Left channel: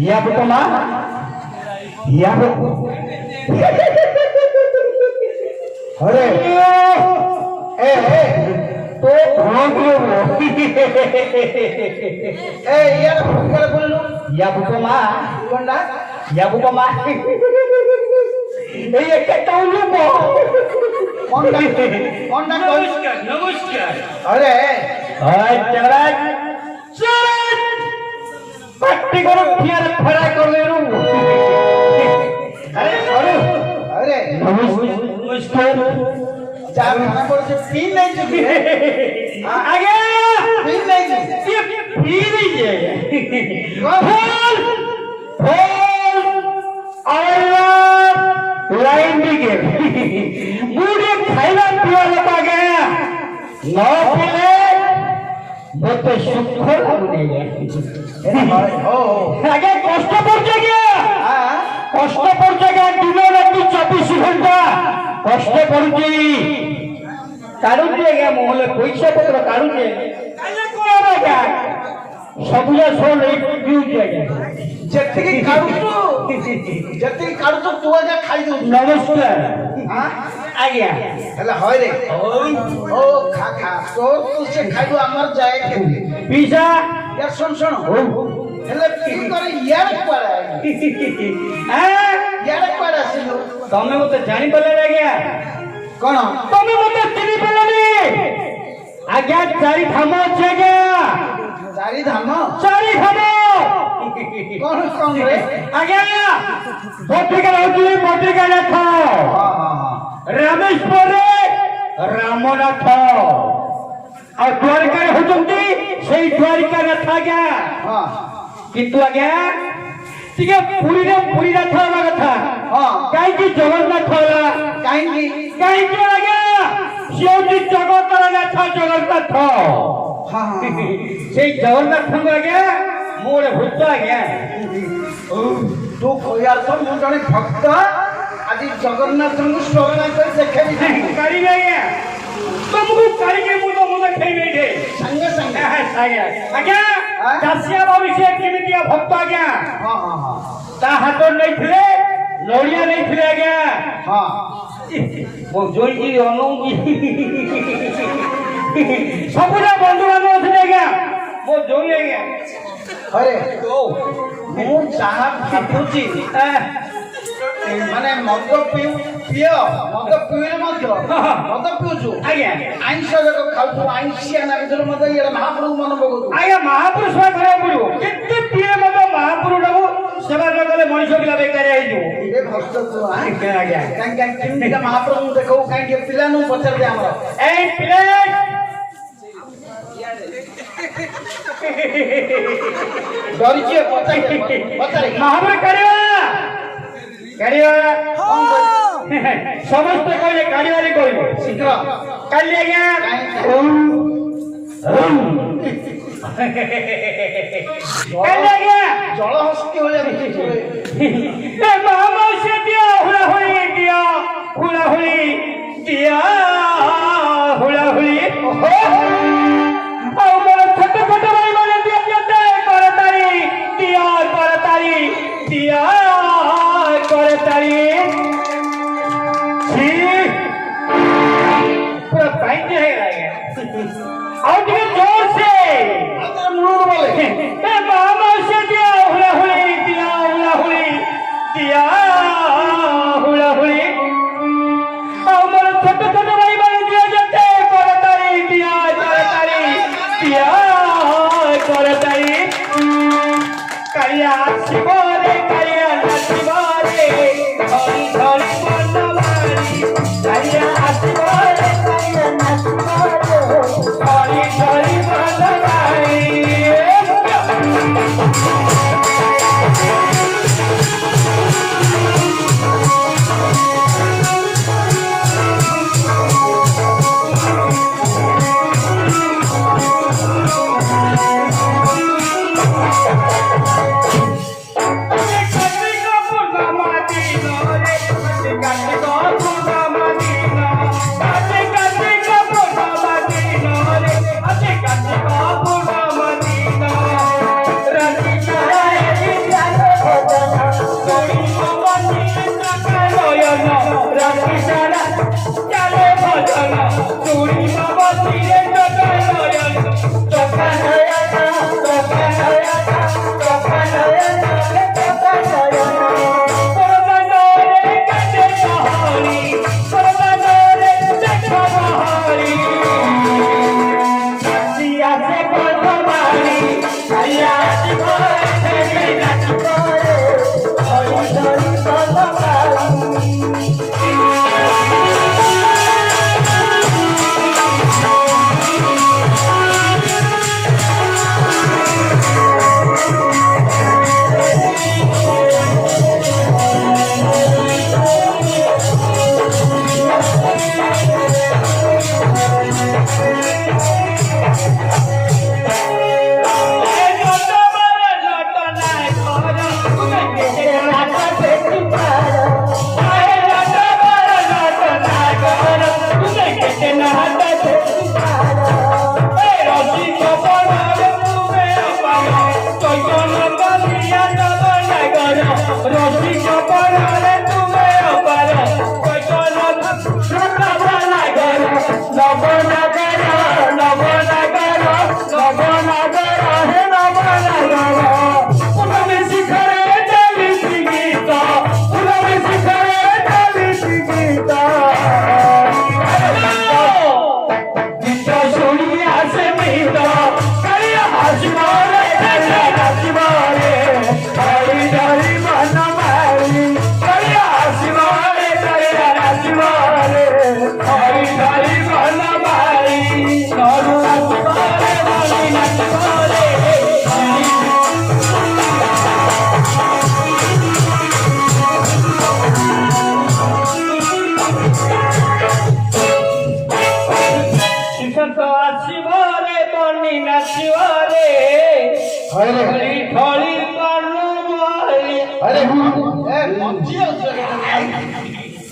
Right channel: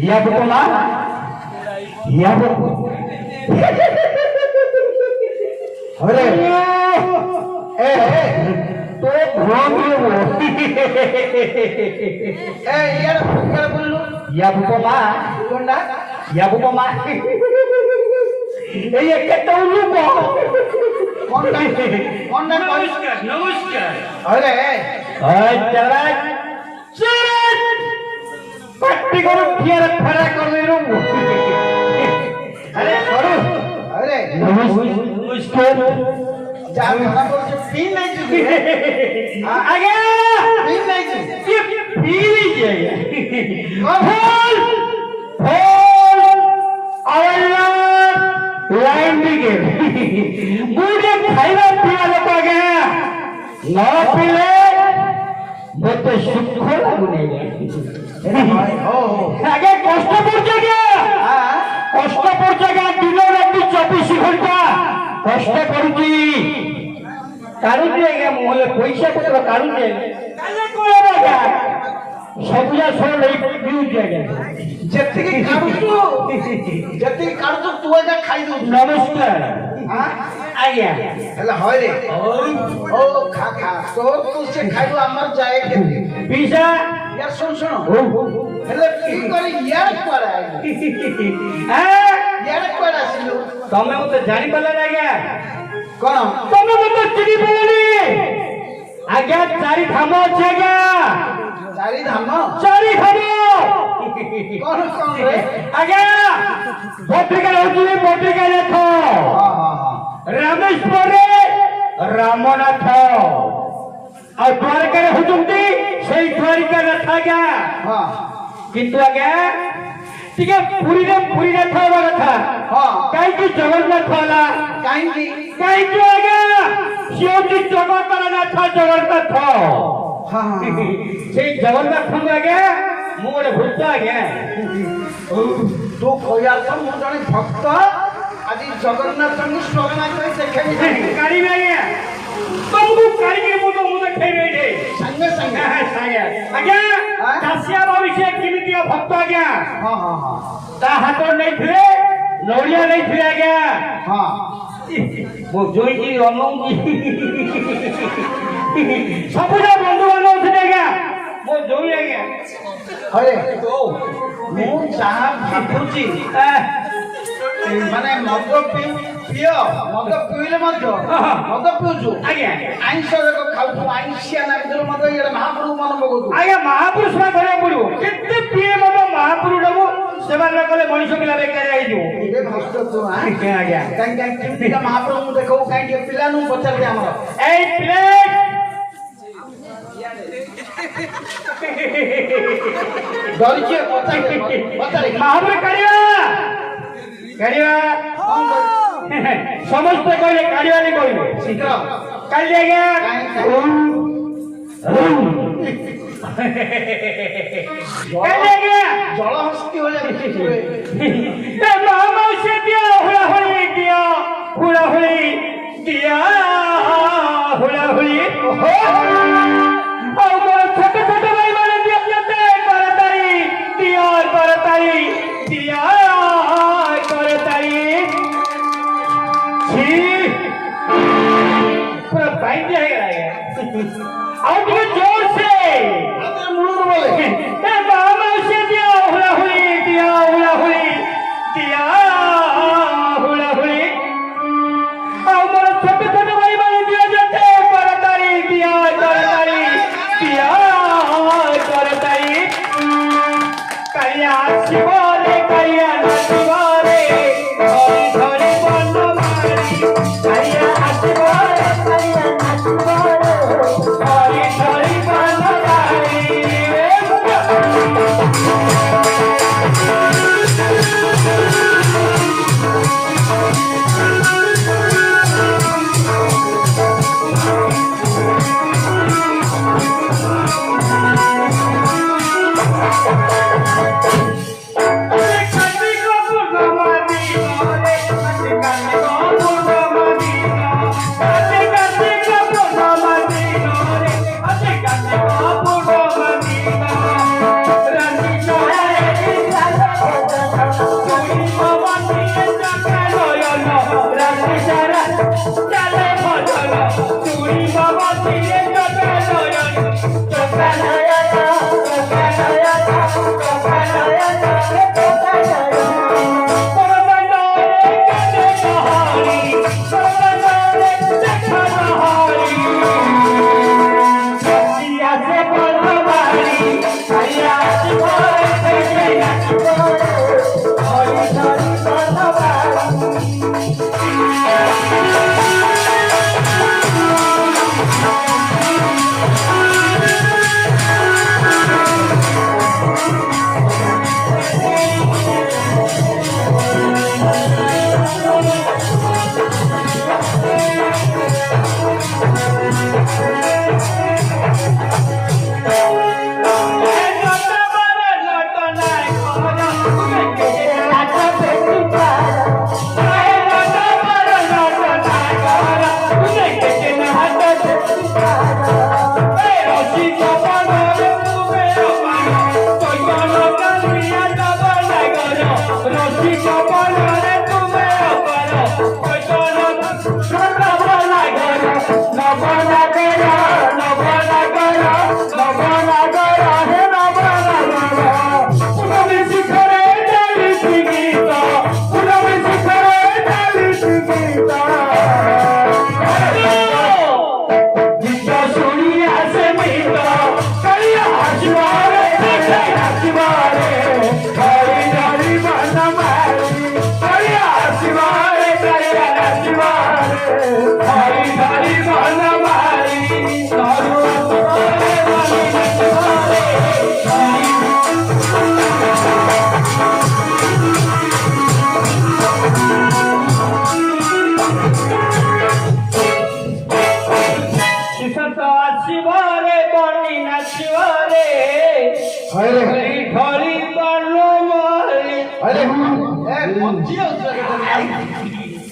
या बेटा या अरे ए तो भाग ए यार क्या बोल लो या बेटा कोंडा या बेटा ए ये क्या बोलू बो कोंडा नमस्कार नमस्कार अरे चला पट्टी करो फिर खड़ा कर ले रू अरे नमस्कार जा माना बोल से पीन नहीं चुकी आगे पीन नहीं ये पीन ही है बोल बोल अल्लाह लाइन दिखे बूढ़े खाइला पिया लगा गया ना पीले बहुत शुक्र आगे कष्ट पड़ছে কষ্ট পড়ছে দিনে রাতে 24 ঘন্টা কষ্ট পড়ছি কারণ দিয়ে মহলে পয়সা পত্র কারণ দিয়ে কালে কোলা না সবুজা সব এই ফিউজ জায়গা যেতিকি কাটছো যেতিকি কাটছো তুই যা খাই দউ নমস্কার আজ্ঞা তাহলে হয় রে ওই ও খা খা তো তুই সে খাইবো আমার যায় পিসা यार सुन सुन हेले की करे यार पड़ा हां यार पड़ा सिलो तमे मते जानि पला ना गया कोन तमे मते चिनी पलानी आज्ञा चारि धाम छै गया चारि धाम कोन कोन रे आज्ञा पत्रिका होती पत्रिका लेखो हां रामेश्वर रे रामनाथ और द्वारिका होती সেই द्वारिका रथा गया हां किंतु आज्ञा टिके पुरी रथ होबा कथा हां काई की जगन्नाथ वाला काई की आज्ञा शिवजी जगत रथ जगन्नाथ हां সেই जगन्नाथ आज्ञा मोर भूत आज्ञा तो कोया तो मो जने भक्त आदि जगन्नाथ को स्टोरी में देखे गाड़ी में आज्ञा तुमको काई के मुझे फेरी दे संगे संगे आज्ञा काशिया भविष्य केमितिया भक्त आज्ञा हां हां ता हाथ नहीं थिले लौरिया नहीं थिले आज्ञा हां वो जोई की अनु सबुरा बंधु बांधव थिले आज्ञा वो जोई आज्ञा अरे तो मु चाहा भाबुची माने मद पियो मद पिले मध्य मद पिउछु आज्ञा आइंस जको खाउ आइंसिया ना बिदुर मद ये महापुरुष मन बगु आज्ञा महापुरुष में करे पड़ो कितने पिए मद महापुरुष डबो सेवा लगले मनुष्य बिला बेकार आइ जो ए कष्ट तो आज्ञा आज्ञा काई का महापुरुष देखो काई के पिला नु पचर दे हमर ए प्लेट डरिके पचर महापुरुष करिया समस्त करे कारियारी कोइले शीघ्र काली आज्ञा काली आज्ञा जल हस्ती हो जाबे ए मामा से दिया हुला हुली दिया हुला हुली ओ मोर छोटे छोटे भाई वाले दिया जते करतारी दिया करतारी पूरा टाइम दिया है और भी जोर से अगर मुड़ बोले ए मामा से दिया हुला हुली और मेरे छोटे छोटे भाई बहन दिया जाते करतारी करिया शिवरे करिया शिवरे धरी बनवारी करिया शिवरे करिया शिवरे धरी बनवारी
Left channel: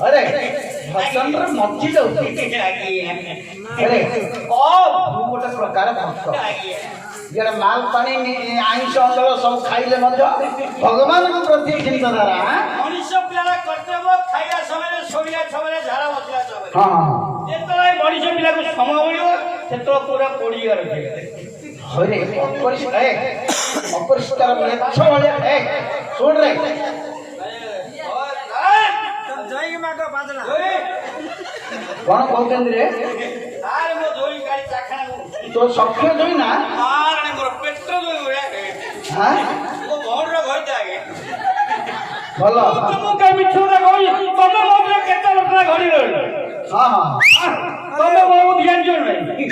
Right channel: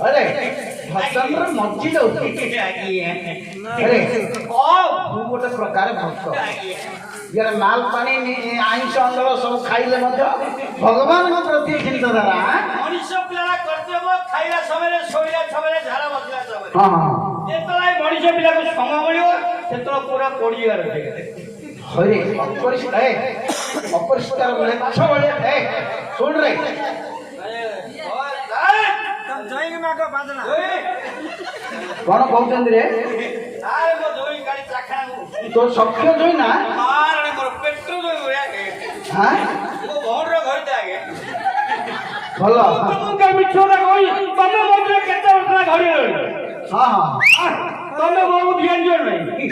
अरे भद्रंद्र मज्जी दउची अरे गोटे प्रकार भक्त जेड़ा माल पानी आइंस अंचल सब खाइले मध्य भगवान प्रति चिंताधारा मनुष्य पिला कर्तव्य खाइला समय सोइला समय झाड़ा बसला समय हां जेतला मनुष्य पिला को समय मिलियो सेतला पूरा पड़ी गरे अरे अपरिष्कार लेछ वाला सुन रे जय माको बाजना कोन कहते रे आरे मो जोई गाड़ी चाखा तो सख्य जोई ना मारने मोर पेट्रो जोई होया हां तो मोर रो घर जागे भलो तुम के मिठू रे कोई तमे मोर केते वर्ष घड़ी रही हां हां तमे बहुत ध्यान जोई नहीं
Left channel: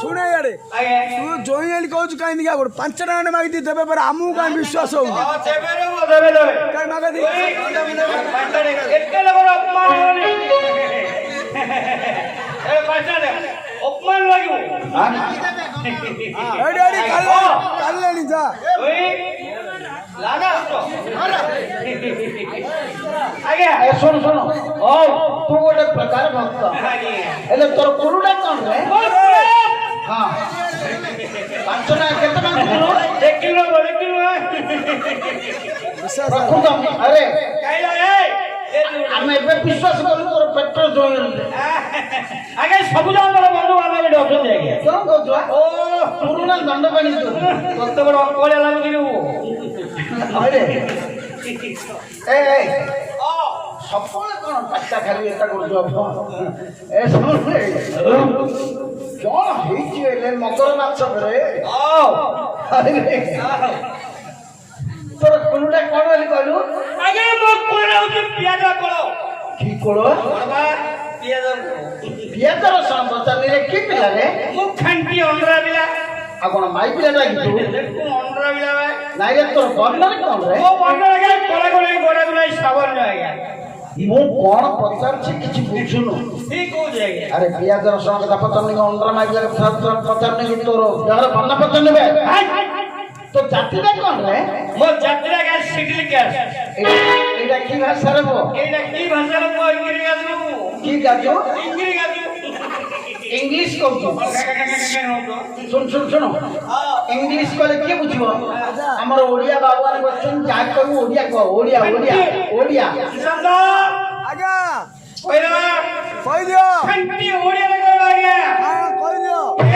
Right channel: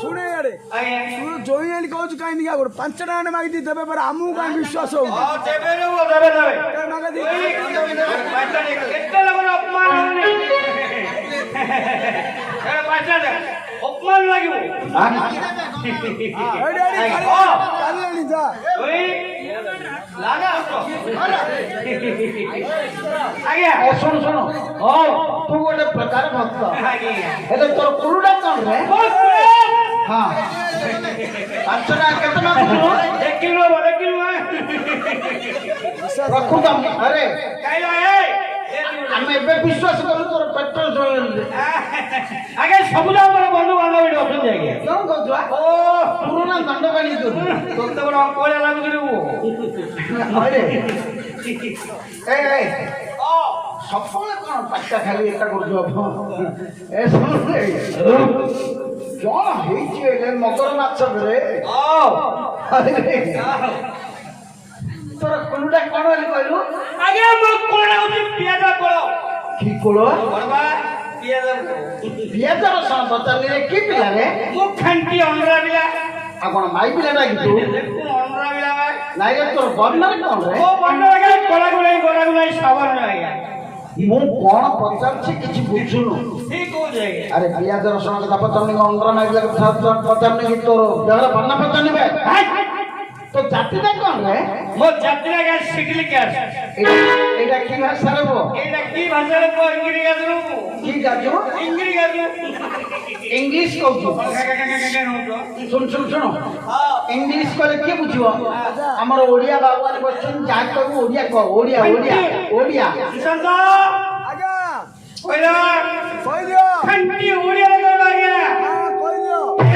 सुने यारे आगे तू जोई एली कहू काई दिया गोड़ 5 टका ने मागी दी देबे पर हमहु काई विश्वास हो हां देबे रे वो देबे देबे काई मागा दी केते लोग अपमान होने ए पैसा अपमान लागिबो अरे अरे कल्ला नी जा ओए लागा तो आगे सुन सुन ओ तू गोटे प्रकार भक्त आगे एले तोर कुरुडा कोन रे हां 5 टका केते मागु 1 किलो रखू तो अरे काइला ए हमें बे विश्वास करू तोर पेट्रोल जोई आगे सबुजा हमर बंधु बांधव डॉक्टर जागे कोन कहतुआ ओ पुरुना दंड बानी तो तोते बड़ कोले लागुरी अरे ए ओ सबले कोन पत्ता खाली एटा करजो ए सुन रे कोन हेची एले मकर नाच रे ओ अरे तोर कुरुडा कोन हेली कहलु आगे मो कोला होती पियाज कोलो की कोलो बड़बा पियाज पियाज रसन बचाले की पिला रे मु खंटी ओनरा बिला आ कोन माई पिला ना की तू देखु ओनरा बिला भाई नाइ रे तोर बर्नर कोन रे ओ बंदर के कोला गोरा गोरा सावर में आया इमो कोन पचार छी किछि बुझुनु ठीक हो जाएगा अरे पियाज रसन का पचार अंडर माइला पचार नहीं तोर जहर बन्ना पचार नेबे तो जातिटा कोन रे मो यात्रा का सिटिल कैश एटा की भाषा रे बो एटा की भाषा में को इंग्लिश का दरू की गाजो इंग्लिश का इंग्लिश कहू सुन सुन सुन हां इंग्लिश कहले के बुझिबो हमर ओडिया बाबा ने क्वेश्चन जा कहू ओडिया कह ओडिया ओडिया ओडिया शब्द आगा पहिला कहि दियो खंटी ओडिया को लागे हां कहि दियो ए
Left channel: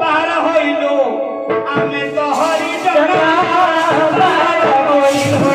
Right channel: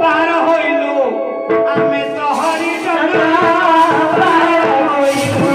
बाहर होइलो आमे तो हरि डना बाहर होइलो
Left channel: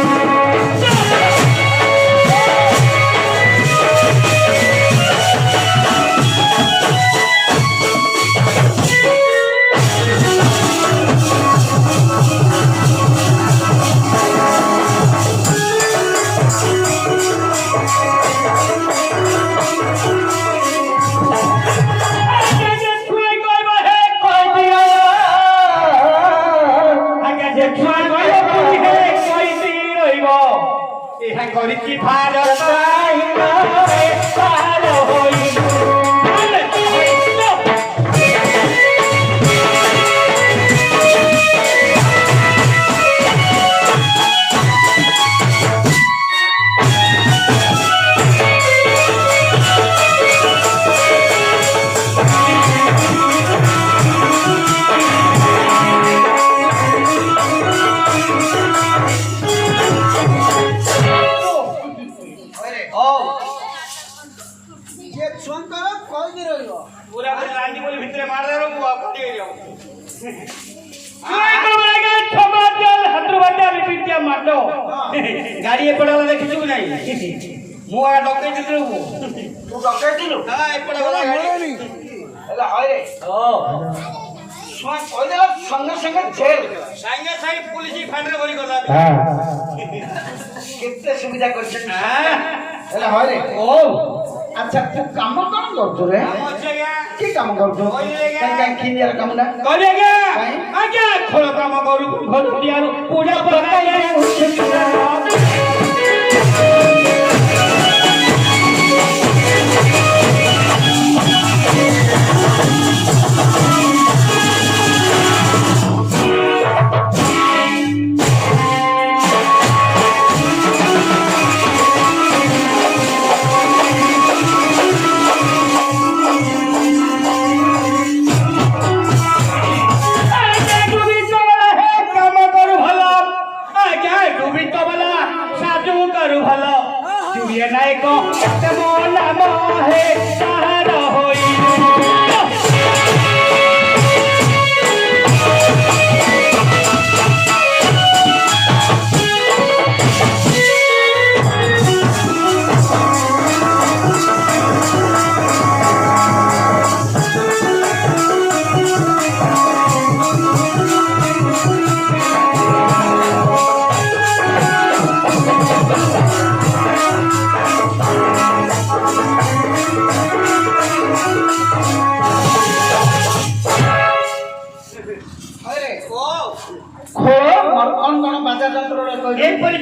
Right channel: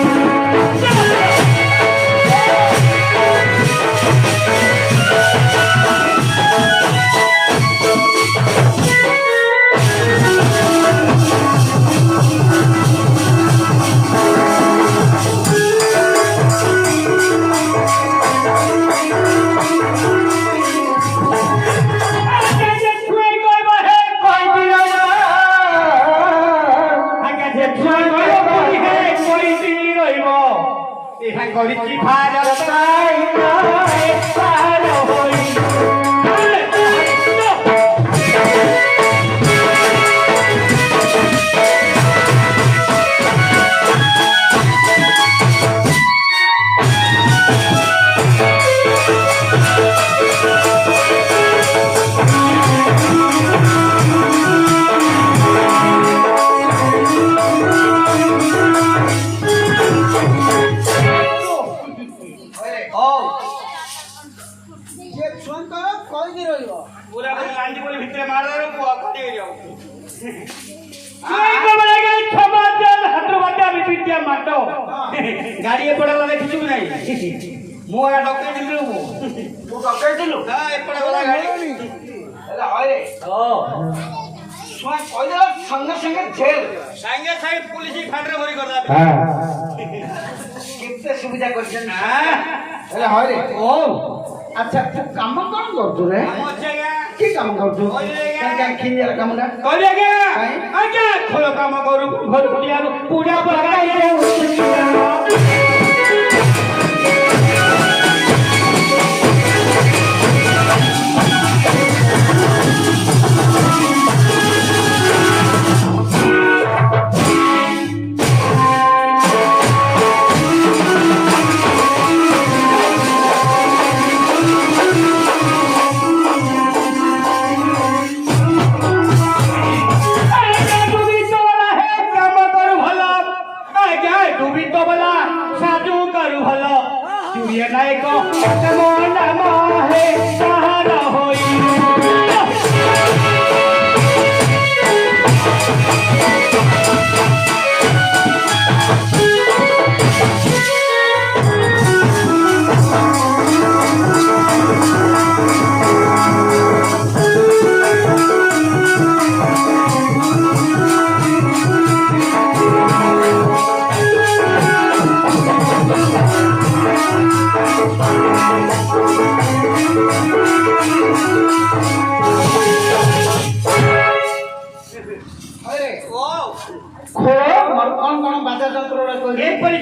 କହିକି ରହିବ ପୁରା ଲାଇନ୍ ବୋଲି ଭିତରେ ମାରଦାର ମୁଁ ଆଉ କାଟି ଯାଉ ଛୁଆଙ୍କ ବେଳକେ ଛବାଦ ହାତରୁ ବାଟିଆ ଭିତିରିଆ ମାଟ ଗାଡି ଏପଟେ ଗଲା ଦେଖିଛୁ ନାହିଁ ମୁଁ ଆ ଡକେଇଥିଲି ତୁ ଡକେଇଥିଲୁ ହଁ ଏପଟେ ଗଲା ଗାଡି ହେଲା ହଇରେ ଓ ଶୁଣ କହିଦେଲା ସଙ୍ଗେ ସଙ୍ଗେ ଜେଲ ସାଙ୍ଗେ ସାଙ୍ଗେ ପୁଲିସ ଫାଣ୍ଡରେ ଭରି ଗଲା କେତେ ସୁବିଧା କରିଛନ୍ତି ହଁ ହେଲା ହଇରେ ଓ ଆଚ୍ଛା ତୁ କାମ କଣ କରୁଛୁ ରେ ଆମ ଅଛି ଆଜ୍ଞା କି କାମ କରୁଛୁ କହିଲେ ଆଜ୍ଞା। କାଇଁ ଖିଲିଆର କାମଟା କହିଲି ଆଜ୍ଞା ଆଜ୍ଞା ଖୋଳ କାମ କରୁ ଘର ଦିଆରୁ ପୂଜା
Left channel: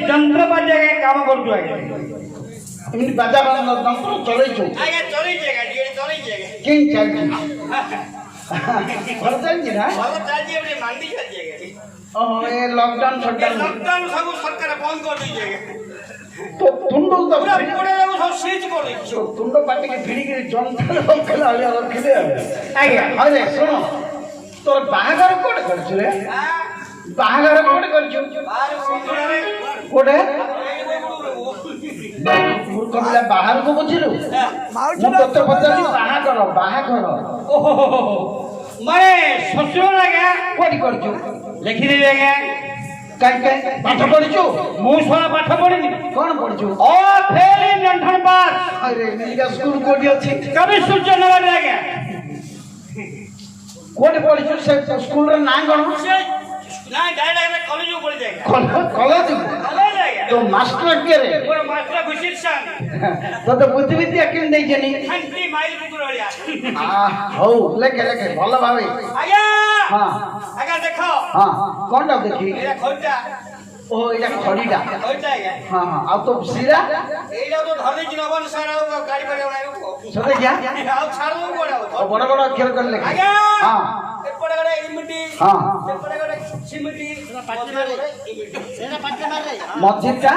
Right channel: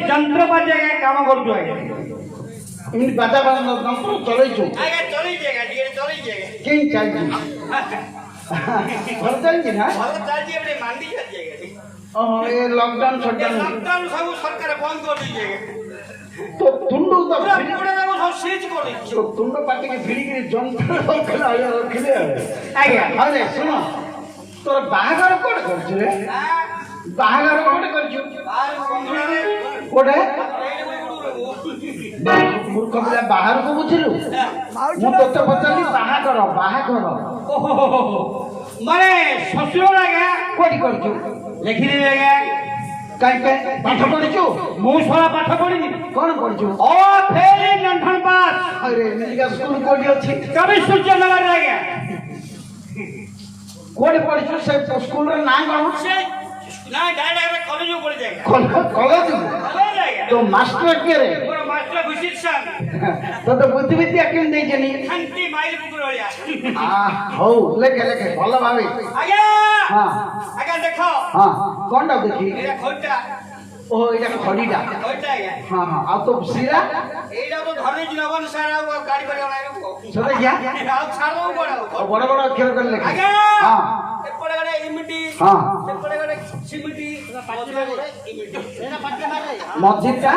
ଯନ୍ତ୍ରପାତି କାମ କରୁଛୁ ଆଜ୍ଞା ଏମିତି ବାଜା ଯନ୍ତ୍ର ଚଲେଇଛୁ ଆଜ୍ଞା ଚଲେଇଛି ଆଜ୍ଞା ଟିକେ ଚଲେଇଛି ଆଜ୍ଞା କେମିତି ଚାଲିଛି ଭଲ ଚାଲିଛି ନା ଭଲ ଚାଲିଛି ଏବେ ମାଣ୍ଡି ଚାଲିଛି ଆଜ୍ଞା ଓହୋ ଏ ଲକଡାଉନ ସଟଡାଉନ ଲକଡାଉନ ସବୁ ସରକାର ବନ୍ଦ କରିଦେଇଛି ଆଜ୍ଞା ତ ତୁଣ୍ଡ ତ ପୁରା ଏପଟେ ଯାକୁ ସବୁ ସିଜ୍ କରିଦେଇଛି ତୁଣ୍ଡ ପାଟିକି ଭିଡ଼ିକିରି ଯନ୍ତ୍ର ରଖିଲେ ଆଳିଆ ରଖିଲେ ଆଜ୍ଞା ଆରେ ଶୁଣ ତୋର ବାହାଘର କୋଉଠି କରିଛୁ ରେ ବାହାଘର କୋଉଠି କରିଛୁ କୋଉଠି ମୂର୍ଖ ପିଲା ବାହାରକୁ ବୁଝିଲୁ ମୁଁ ତୋତେ ପଚାରିଲି ବାହାଘର ବାହାଘର ମାନେ ଶ୍ୱଶୁର ଆଜ୍ଞା କୋଉଠି କରିଛୁ ଲେଖିଦେବି ଆଜ୍ଞା କାଇଁ କାଇଁ ପାଠ ପଢିଛୁ ମୁଁ ଶଳା ପାଠ ପଢିନି କଣ ପଢିଛୁ ଓ ଫେଲ ଇନ୍ ଜଣ୍ଠଣ ପାସ୍ ଆରେ ଏମିତିକା ସ୍କୁଲ କୋଉଠି ଅଛି କବି ସୂର୍ଯ୍ୟନଗରରେ ଆଜ୍ଞା କୋଉଠି ପଢିଛୁ ସେ ସ୍କୁଲର ନାଁ କଣ ସେ ନାଇଁ ଡାଇରେକ୍ଟ କଲେଜକୁ ପଢିଛି ଆଜ୍ଞା କଲେଜ କଲେଜ ଆଜ୍ଞା ତ ମାଷ୍ଟର କିଏ ରେ ମୋର ମାଷ୍ଟର ବିଶିଷାନ ତୋତେ ବୁଦ୍ଧିବିଦ୍ୟା କେମିତି ଦେଇଛନ୍ତି ଖାଣ୍ଟି ମାଇଲ କୁକୁର ଭଳିଆ ହଉ ଲେଖେ ଲେଖେ ଭଲ ଭାବେ ଆଜ୍ଞା ହଁ ଆଜ୍ଞା ଦେଖ ହଁ କଣଟା ଦେଖି ଏଇଟା ଖଇଟା ଓ ଏଇଟା ଖଡିଟା ଖଇଟା ଆଜ୍ଞା ହଁ ହଁ ଆଉ ତୋ ସିରା ଏଇଟା ତ ଧରିଛି ନବନ ସାର ଆଉ ଗାଡି ପରିବା ନାହିଁ ସେଟା କିଆ ଆଉ ଛାଡୁ ବଡ ବଡ ବଡ ଅକ୍ଷର କରି ଲେଖେ ଆଜ୍ଞା ହଁ ଏପଟେ ଗୋଟେ ଇମିଟି ହଁ ସେପଟେ ଗୋଟେ ସିମିଟି ମଝିରେ ଗୋଟେ ଇମିଟି ମଝିଟା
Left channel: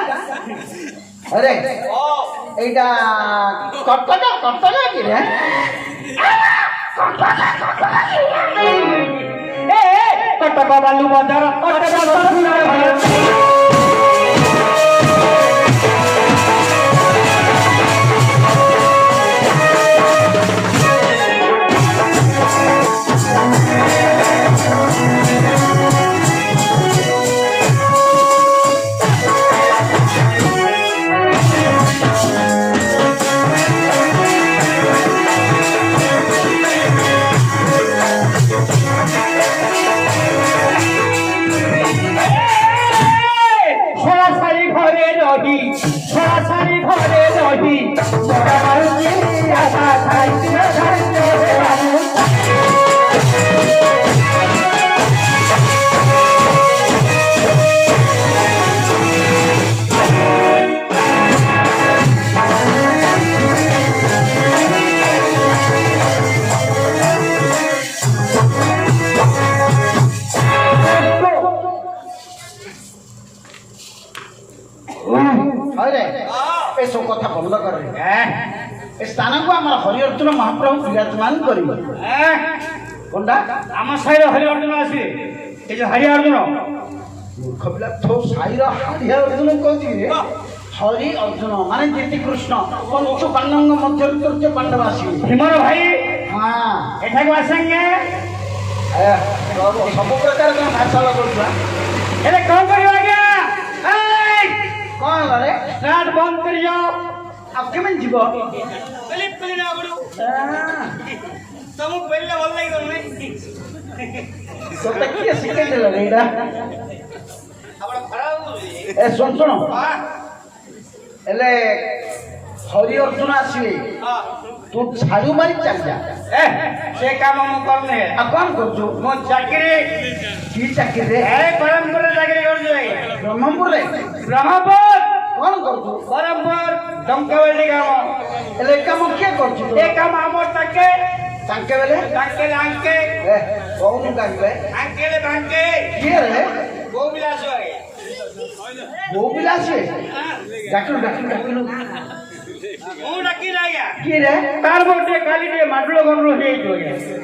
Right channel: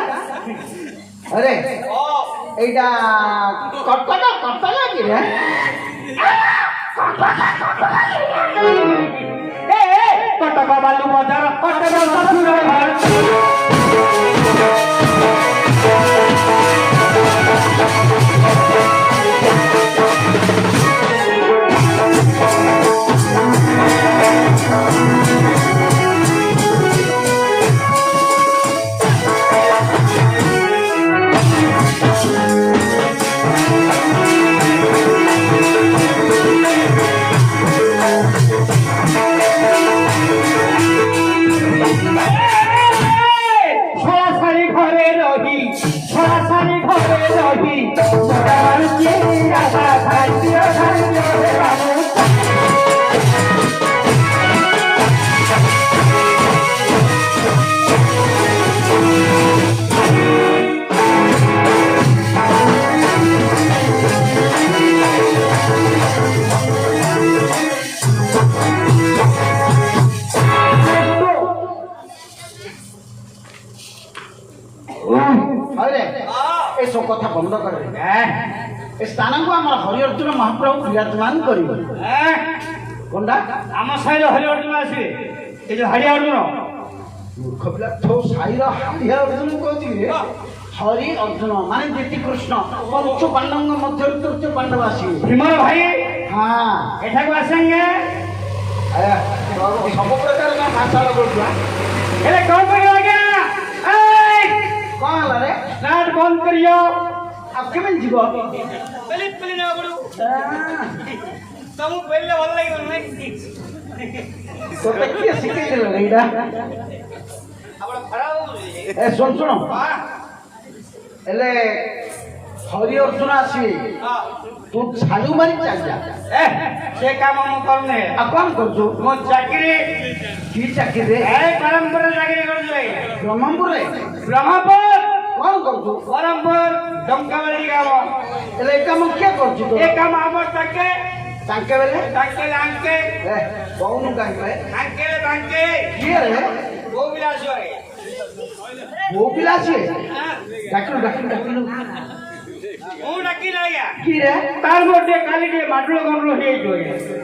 ଆରେ ଓ এইটা কটকা কটকা কি রে কটক বালু বন্দর কটক সুন্দর এসব কথা বন্ধ করে এ স্থানକୁ ଆମର ହରିଅର୍ଜୁନ ମହାପ୍ରଭୁ ବିରାଜମାନ କରିବେ কোনটা ଆମ ସାହିରେ ହରିଅର୍ଜୁନ ଆସିବେ ଏ ଯୋଉ ହରିଅର୍ଜୁନ ମୂର୍ଖ ପିଲା ତୋ ସାହିର ହରିଅର୍ଜୁନ କହୁଛି ରେ হরি অর্জুন মানে যেটি কৃষ্ণ পঞ্চ পাণ্ডবଙ୍କ ମଧ୍ୟରୁ ତୃତୀୟ ପାଣ୍ଡବ ଆସିବେ হিমা ভাই ହଁ এঠাকু আসেঙ্গে ସବୁ ପ୍ରକାର କଣ ଭାଷଣ କରୁଛୁ এলে কাম করিও আজ্ঞা এই କଣ ହେଲା ରେ স্টার্ট বন্ধ করিও ଆଉ କେମିତି ଯିବ ପଲି ପଲି ନା ଗଡୁ ତମକୁ ପେଲେ ଭଲ ଲାଗିବ ନାଇଁ ତୋତେ କିଏ ଶିଖେଇଦେଲା ରେ ଏଇଟା ଆପଣ ଖରାପ ହଉଛି ଏ ଶୁଣ ଶୁଣ ହଁ ହେଲେ ହରି ଅର୍ଜୁନ ଆସିବେ ହଁ ତୁ ଝାଡୁ ମାରି ଚାଲି ଯା এ সে কাম আমি করুনে ଆଉ କଣ କରୁଛୁ মো চাকরি କି ଚାକିରିରେ এ পরম্পরা চাকরি করুছে ବ୍ରହ୍ମପୁରରେ ব্রহ্মপুর କଣ କରୁଛୁ পরম্পর ডঙ্কাবলি কাম ହେଲେ ଏ କାମ କିଏ କରୁଛୁ ତୁ এ কাম আমার তাকে ତାଙ୍କେ ବେଲେ তাকে আঙ্কে ଏ କହୁନୁ କାହିଁକି আঙ্কেলে বাঙ্কে କିଏ ରେ বউ বিলাস আগে ବୋଉ ପିଲା ଆସିବେ ଡାକିଲୁ ଡାକିଲୁ ଡାକିଲୁ ମୁଁ ଡାକି ଆଜ୍ଞା କିଏ ରେ তার মধ্যে কালি দিয়ে মাটুল গন্ড হয়েছে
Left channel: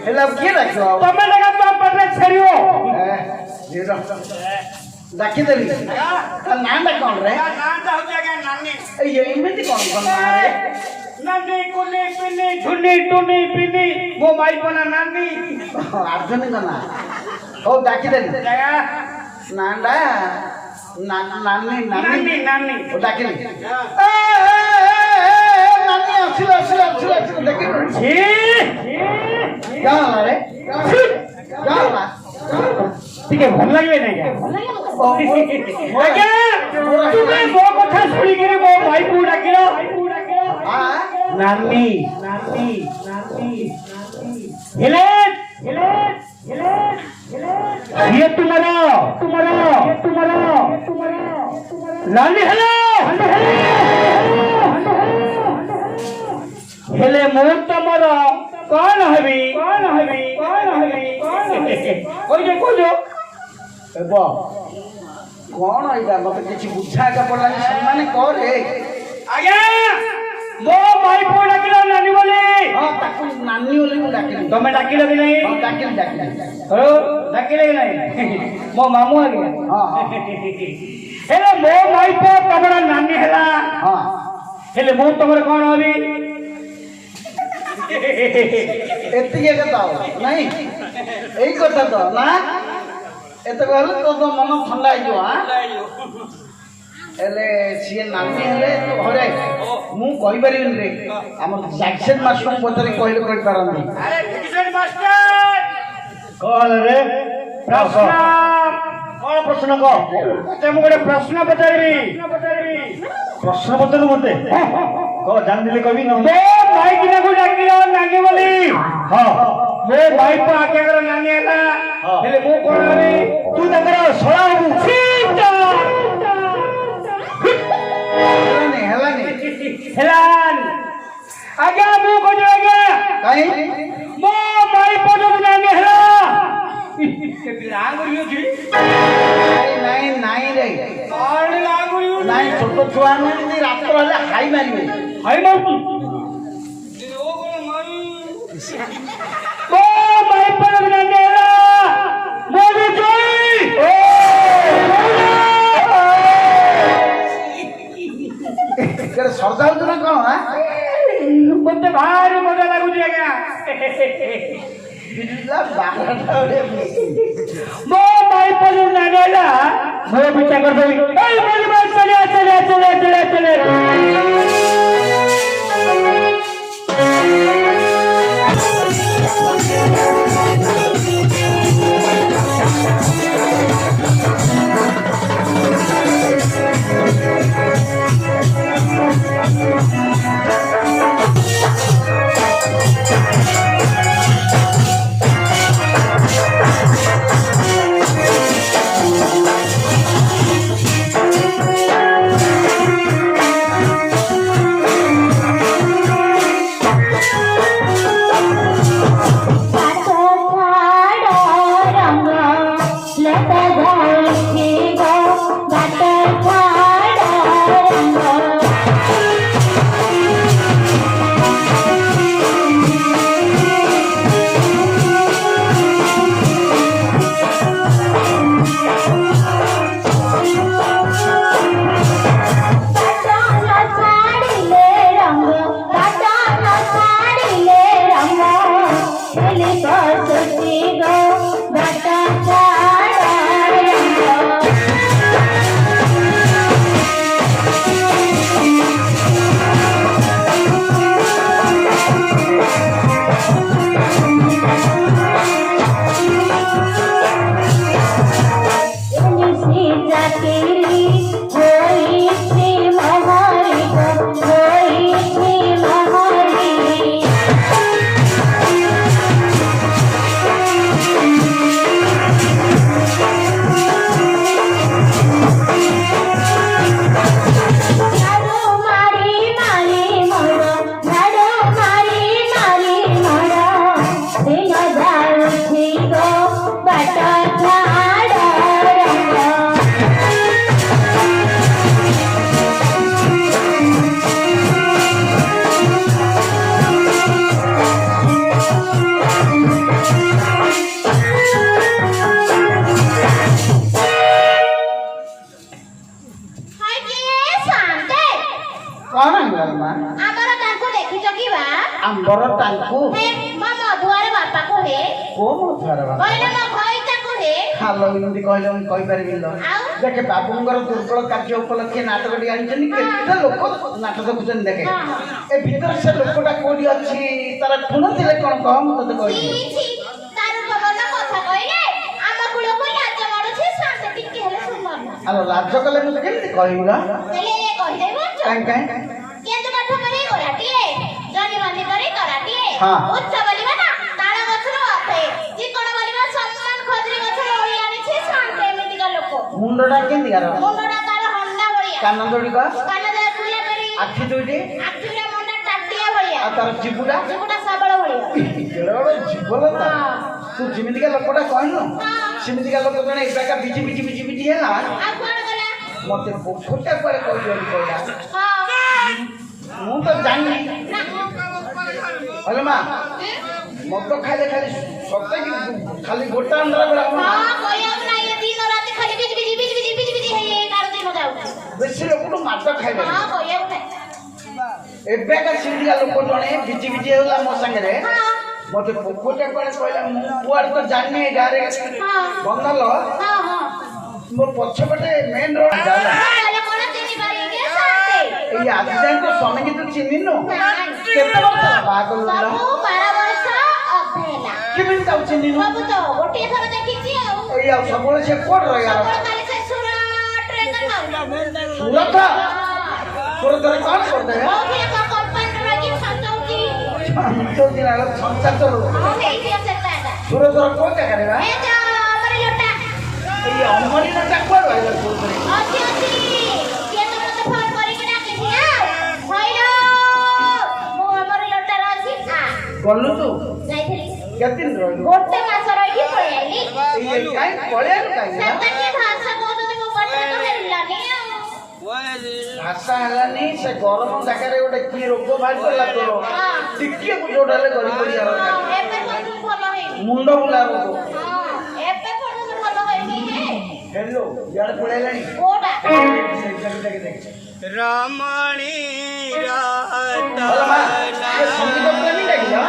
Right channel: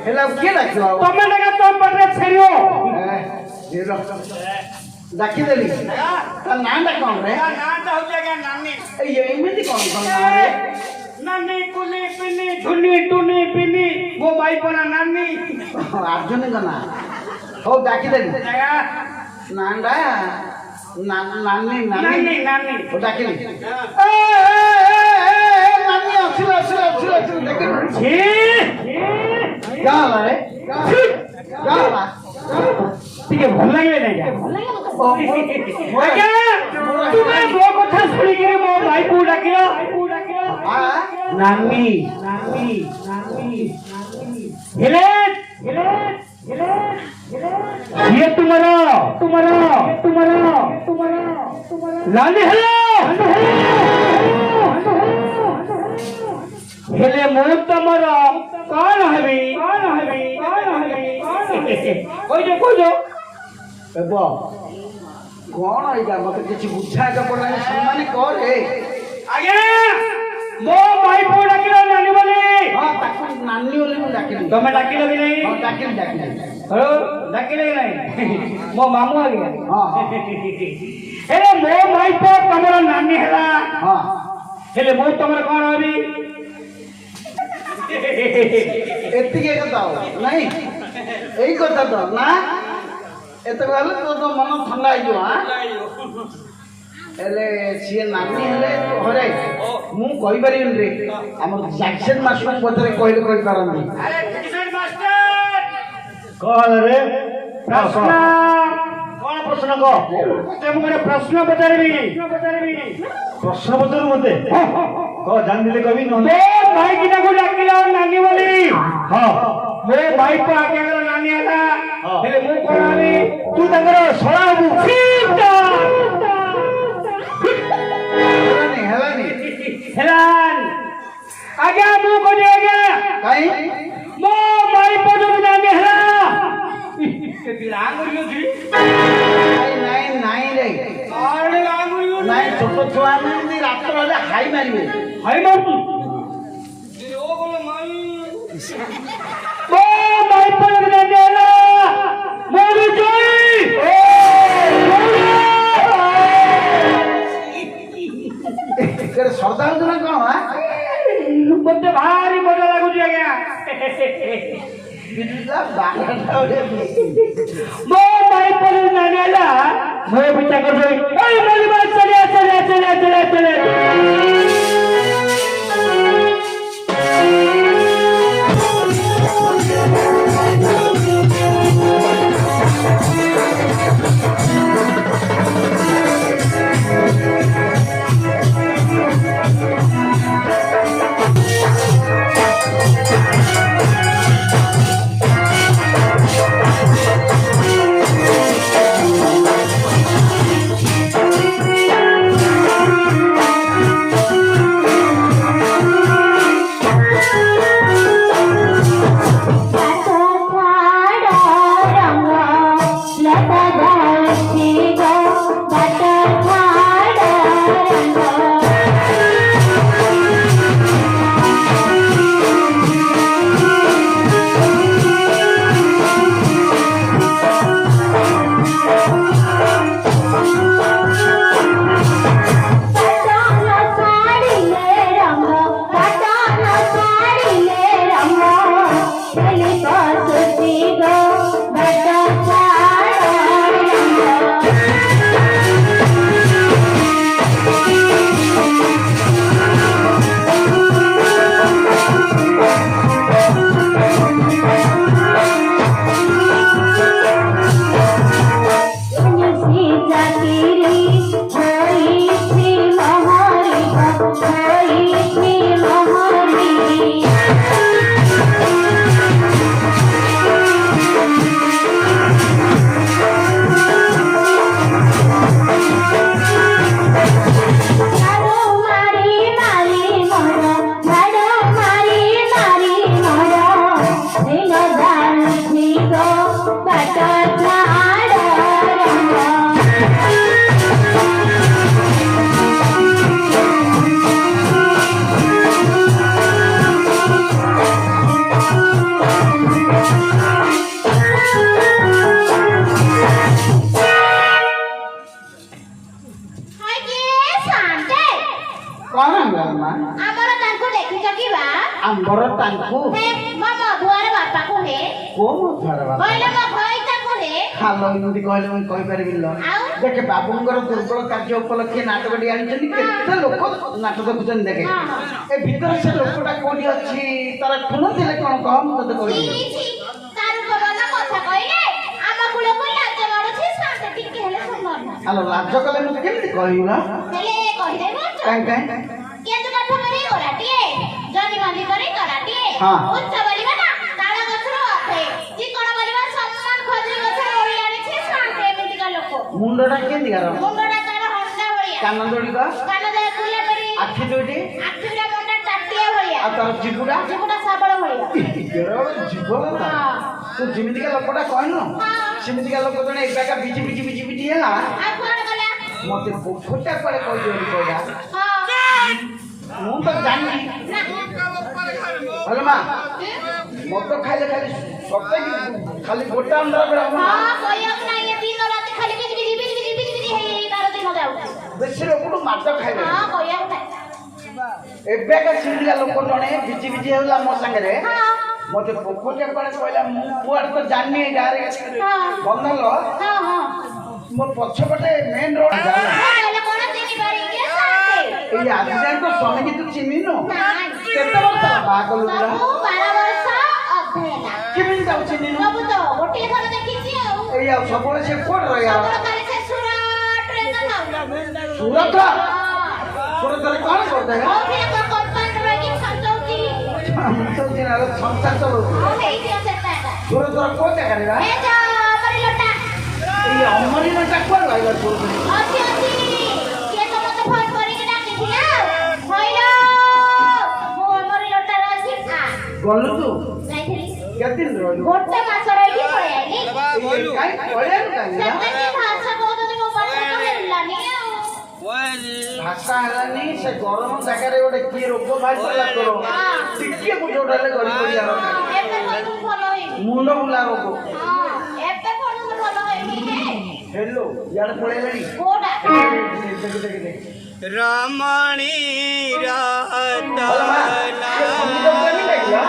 ହେଲେ ଆଉ କିଏ ଡାକିବ ଆଉ তুমি দেখা তো পটে ছাড়িও ଡାକିଦେଲି ତା ନାଁଟା କଣ ରେ ନାଁଟା ହଉଛି ଆଜ୍ଞା ନାନୀ ଏଇ ଏମିତି କଣ କଣ ନାଁ ରେ নানি কুলি পিনি ঝুনি টুনি পিনি মো ভাই পনা নানি ଆର୍ଜୁନଙ୍କ ନାଁ ହଉ ଡାକିଦେଲି দেখা ନାଁଟା ନାନୀ নানি ନାନୀ নানি ହଉ ଡାକିଲି ନାନୀ ଆସିଲ ଆସିଲ ଆସିଲ ଆସିଲ ଦେଖିଲୁ ছি କଣ ହେଲା ରେ କଣ ହେଲା ଟିକେ ଭଲ ଲାଗିଲେ ନାଇଁ আজ্ঞা তুমি ମୋ କଥା ଶୁଣିକିରି ମୋ ଭାଇକୁ ଡାକିଲ ନାନି ନାନି ନାନି ହେଲେ ହେଲେ ହେଲେ ये तुम्हारा तुम्हारा तुम्हारा तुम्हारा लाली हेलो हेले ମୁଁ ତମର କଣ ହେବି କଣ ହେବି କଣ ହେବି କହୁଛ ହେବ କଣ ଏଇଟା ମତେ କିଛି ବୁଝା ଏକା ପଡିଲାନି ସେମାନେ କରେ ଆଜ୍ଞା ମୋ ଭାଇ ପୁଅ ଡାକିଲ ନାନୀ ବୋଲି ହଁ ତାକୁ ନାନୀ ବୋଲି ମୁଁ ଡାକିଲି ତମେ ଡାକିଲ କି ନାହିଁ ହଁ ଡାକିଲି ଡାକିଲି ଡାକିଲେ କି ନାହିଁ ମୋ ମାମୁଁ ଆଜ୍ଞା ହଁ ହେଲେ ମୋ ଭାଇ ପୁଅ ତମର ନାନୀ ହେଲା ହଁ ହେଲେ ମୁଁ ତମର କଣ ହେବି ଏତିକି କଥା ଆଉ ନାଇଁ ଏଇ କଥା ତ ନା ଏତେ ଗଲେ ତୋ ତ ମନ ଥଣ୍ଡା ହେଇଯିବ ହଁ ହେଲେ ସିଏ ନାନୀ ହେଲେ ଘରେ ମୁଁ କହିପାରିବିନି ରେ ଆମର ଜ୍ୟାକ୍ସନ୍ ମାଷ୍ଟରଙ୍କୁ ପଚାରି କହିଲେ କହିପାରନ୍ତି ଆରେ ଫିଟିସନ୍ ମାଷ୍ଟର କଣ ରେ ପ୍ରଶ୍ନ କଣ ପ୍ରଶ୍ନ କହ ମୁଁ ଗୋଟେ ପ୍ରଶ୍ନ ପଚାରିବି ପ୍ରଶ୍ନ ପଚାରୁ ମତେ କହ ଜାଣିଥିଲେ କବି ମୋ ଭାଇ କିନାକୁ ଡାକିଲ ନାନୀ ବୋଲି ହଁ ମୋ ଭାଇ ତ ଆଜ୍ଞାଙ୍କର ନାନୀ ହେଲା ହେଲେ ମୁଁ କଣ ହେବି ତୁ ତାଙ୍କର ଶଳା ହବୁ ହେଲାନି ହେଲାନି ହେଲାନି ଆଜ୍ଞା ମୁଁ କହୁଛି ଆଜ୍ଞା କାହିଁ ମୋ ଭାଇ ପର୍ଯ୍ୟନ୍ତ ନାନୀ ହେଲା ଆଙ୍ଗୁଳି ଅଛି ନାଇଁ ନାଇଁ ରେ ଆଙ୍ଗୁଳି ନାଇଁ ଛୋଟ ଛୁଆ ମାନେ ରାତ୍ର ହେଲେ ହାଇ ମାରିବେ ହାଇ ମାରୁଛି ମୋ ଭାଇ ପର୍ଯ୍ୟନ୍ତ ନାନୀ ହେଲା ମୋର ଜୟ ସଜାଉଛୁ ନା କଣ ମତେ ଭାରି ମଜା ଲାଗୁଛି ଆଜ୍ଞା ମୋ ଭାଇ ପର୍ଯ୍ୟନ୍ତ ନାନୀ ହେଲା ମୋ ପିଛା କରିଦେବି ଚଳିଆ ଚଳିଆ ଚଳିଆ ଚଳିଆ ଚଳିଆ को हे मो मधुआर बापा को हे को मधुआर बाबा कहले मो भईता को हे हालो इमती कहले मैं कहि परिबिलो देखे बाबूंगर दुर्बल कार्य उपलक्षे नाटकटी आनिछन केते लोक नाटक देखुछन देखे ए भीतर से लोकटा कोडी अछि तार खुन दिले कोन कह म तते कहि छी तार बहन कथा कहले आम कुल को लाज मारुछि शांत टिके हेले सुनवा आलो लाज कले मु केमती कहिला हेले कहि देबो काई केतु काठ मारी ओराटिए जनी मानी करे कराटिए हाँ। उच्च बलिबा ना ताळा गछरो अथे चिकण बलिबा सम्मान खजरी गछरो ओळी आनिछि शांत एमिति का लोक मुंडटा केमती गार मुंडडा तार हंडा होइया कान जोडी का कान दे फुला करी आखि जोडी आखिरा मुंडा टाटिया होइया आ तार जिबुडा चिकुटा साबळ होइया केरळ जीवनता तू जिमिति का लोकटा कहनो हाँ। सिमिति का लोक जने एका बिजी है ना आ कोन गला मते पोखटा पाले कहि देली कहला हां ମୁଁ ତ ଜାଣିନି ହେଲେ ମା ମଦ ଖାଇଲେ ଖାଲି ସତେ ଖାଲି ଗୋଟା ଅଣ୍ଡା ବେଳା हां कोया ना ये दिन रात खाली बिज हे तार दिन जाऊ ବେଶୀ ଲୋକଠୁ ମାଦ ଖାଇଲେ हां कोया उठे ଏବେକା ସିନ୍ଦିଆ ଲୋକ ଜଣେ ବିଜି ହେଲା ମୋ ସାଙ୍ଗରେ हां ମତେ ପୋଖଟା ପାଳେ କହିଲା ମୁଁ କୁଆଡେ ତ ଜାଣିନି ଏ ଗାଁରେ हां ବନ୍ଦଲ हां हां ମୋ ପଛପଟେ ମେନ୍ ରୋଡ ଯାଉ ହେଲେ କୋନ ଚିନି ପାରି କେ ସାଥେ ଏଇ ଆଜି ଯାଏଁ ତ ସ୍ୱାମୀ କି ତୁ ଚିହ୍ନିନୁ କେତେ ବର୍ଷ ବାହାଘର ଲୋକ ସବୁ 12 ବର୍ଷ ଅଧେନା କେମିତି ତାକୁ ଚିହ୍ନିନୁ ସବୁ ତ ଗୋଟିଏ ଥର ଦେଖିଛି ଆଉ ଏଇ ଆଉ ସବୁବେଳେ ସେ କୋଉଠି ରହିଲା ସବୁବେଳେ ଖାଲି ସେ ସୁରଟ ରେ ନା ସୁରତ ସୁରତରେ କଣ କରୁଥାଏ ଆଉ କିଏ କୋ କମ୍ପାନୀ ରହିକି ସଞ୍ଚଉଚି ତ ଦିନ ସଂସାର ଚଲଉଛୁ ଆଉ ହେଇଥିବ ସେଟା ସୁରତର କୋଉ ଜାଗାରେ ନା ଏ ଯା ଆମରି ଲୋଟା ଏଇ ଅମରିନାଟା କୁଆଡେ ରହିଲା ସୁରତରେ ଅଛି କିଏ ତ ମତେ ଫୋନ କରିକି ଡାକିଥିଲା ଭାଇଲୋ ମୁଁ ଆମରି ଲୋଟାରେ ଅଛି ଆ ଗଲୁ ତୁ ଯାଇଥିଲି କେତେ ଦିନ ରହିଲୁ ଗୋଟେ ମାସ ରହିକି ପଳେଇ ଆଇଲି ଏଇ କାଇଁ ପଳେଇଲୁ କାଇଁ ନା ସେଟା କି ଭାଷା କହୁଛନ୍ତି ମୋ ପାଟିରେ ତ ହେଲାନି ଆଉ ଭାଷା ହେଲାନି ସେ ଗରମ ଜାଗାରେ ଗୋଟେ କି ରୋଗ ବାହାରି ପଡିଲା ତୋର ଟିକେ ବୁଝଉଟାଲେ ଗଳି ପଡିଆ ଏବେ ପର୍ଯ୍ୟନ୍ତ ଭଲ ହେଇନି ମୁଣ୍ଡ ବୁଲା ରୋଗ ହଁ ଏବେ ପର୍ଯ୍ୟନ୍ତ ଭଲ ହେଇନି ହେଲୋ ଇଆଡେ ପଳେଇଲାଣି କୋଉଟା ଦେଖ ରମଣୀ ଭଲ ମା ଏ ସଙ୍ଗୀତ ପ୍ରେମୀ ଲାଗିଲା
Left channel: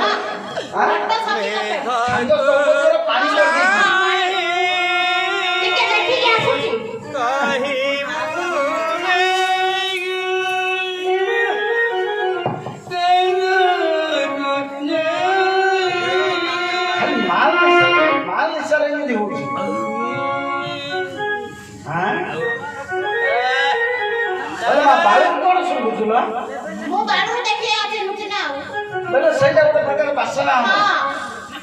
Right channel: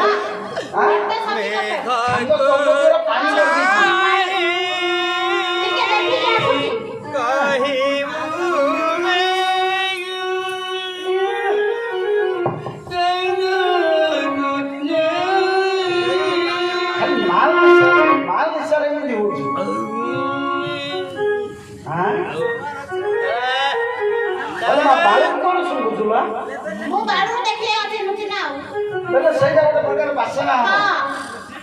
ଗୋଟେ ସଙ୍ଗୀତ ତାଙ୍କ ସଙ୍ଗୀତର ପାଣି ଲାଗିଛି ଟିକେ ଦେଖିକି ଆସୁଛି ଖାଲି ମାଲ ନିଶାରେ ଏମିତି ହଉଛି ବାଳୁ କଣ ଶୁଣୁଛୁ ନା ମୁଁ ବାଡୁରୁ ଦେଖିଲେ ଅଧେ ନୁଚି ନା ଆଉ ବୋଲେ ସେଇଟା ଗୋଟେ ପ୍ରକାର ବାସନା ହଁ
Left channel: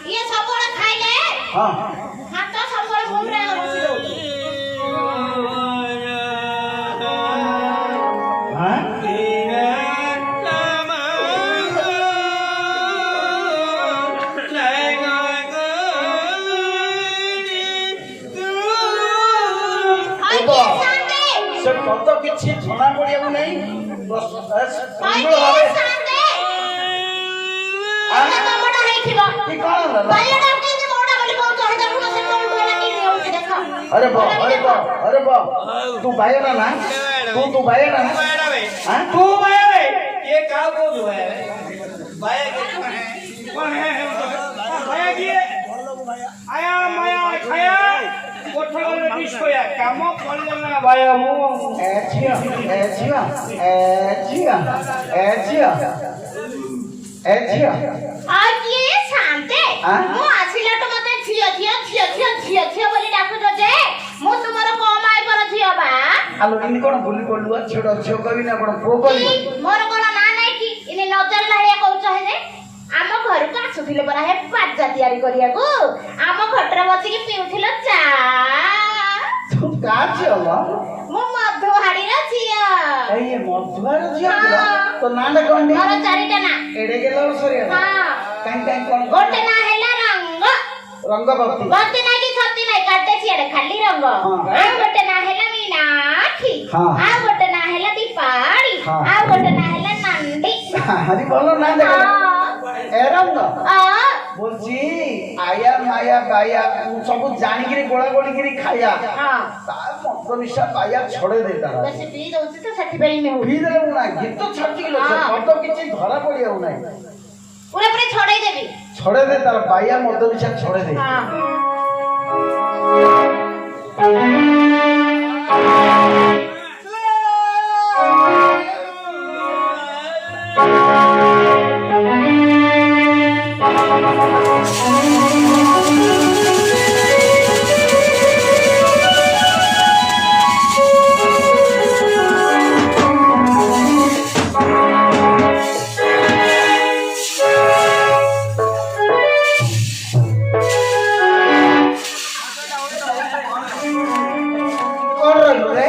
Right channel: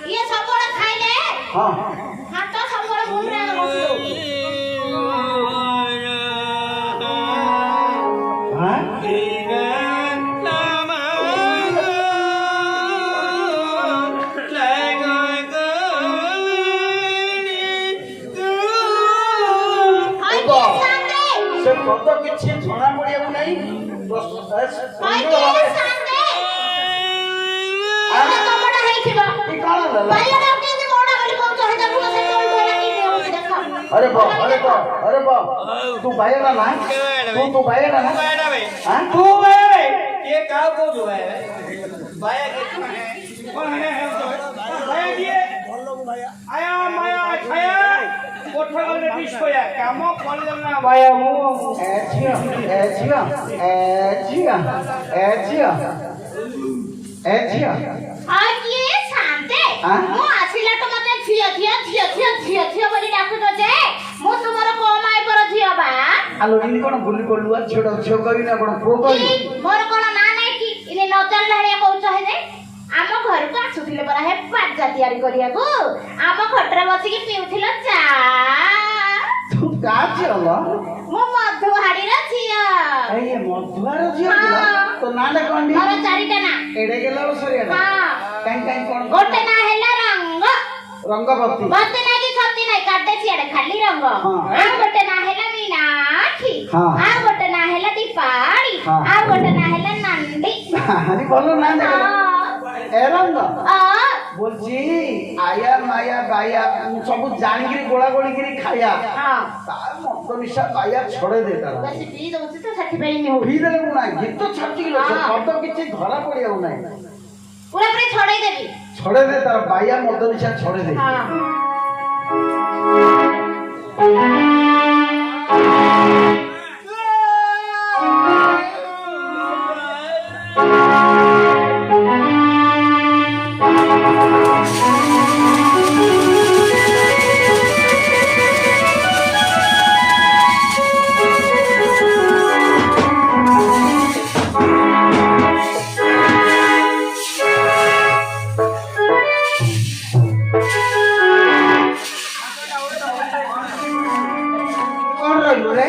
ଇଏ ସବୁବେଳେ ଖାଇଲେ ହଁ ହାତ ସବୁବେଳେ ମୁଣ୍ଡରେ ବସି ଦଉଛି ସେ ପଦ କିଛି ଜଣା ପଡିବାକୁ ନାହିଁ अरे बा तू बाहेर ना तू बाहेर ना तू बाया बे ये काव को जो है बाया के बाया किए आया माया खाया कोठा गले डिस्कोया काम करले ना बाया मु एजिया आज ये शांते ମୁଁ ଆସିଲାଠୁ ମତେ ଝିଅ ବୋଲି ଡାକୁଛ ଯେ ମୁଁ ତୁମର କୋଉ ମାଇପର ଝିଅ ବା ଆଲୋ ଇନି କଣ ବୁଲି ପଡଲୁ ଝିଅ କବି ନା କଣ ପୁଅ କବି ମୋର କଣ ନା ନାଇଁ କି ଇନି ନଜର ନାହିଆ କହୁଛ ହେ ଆମ ଘରକୁ ଆସୁଥିଲେ ପରା ହେ ପାଜା ତିଆରି କରିବାକୁ ଆମ ଖଟରେ ବସିକି ପିଉଥିଲ ଚା ତୁ କା ଝିଅ ମୁଁ ମଧୁହାଡିର ଝିଅ ଏଇ ମଧୁଆର ଝିଅ ତ ନା ନା କଣ ମୋର ଚାରିଟା ନା ଏଡେ ଗେଲ ସରିଆ ହଁ କାଇଁ କଣ ଗୋଟେ ନା ହେଲା ରଙ୍ଗବତୀ ଭକ୍ତି ନାଇଁ କି ଛତି ନାଇଁ କାଟେ ସିଆଡେ ଖାଲି ରଙ୍ଗ ଆଉ ଗୋଟେ ନା ହେଲା ମୀନାକ୍ଷୀ ଆଉ ଗୋଟେ ନା ହେଲା ଦୀପାଳି ଆଉ ଗୋଟେ ନା ହେଲା ନନ୍ଦି ଆରେ କଣ ନା ଦେଖ ଏ ରଙ୍ଗ বলছি আয়া মায়া গায়া সবু জানিকিরি গোলা গোলিকিরি খাইয়া তার মত নিশা গায়া ছড়ে দে তারা বেশি পি দউছি তো ସେଥିପାଇଁ নে ভিড় না গীত ছাড়ছি গেল সে মত কিছু ধরা পড়িয়াও নাই ପୁରା ପୁରା ଛଡେଇ ଦେବି। ଛଡେଇ ଦେ ତାର ବାଇଆ ମଦ ନିଶା ଛଡେଇ ଦେ। ହଁ କଣ ରହିଲୁ ରେ?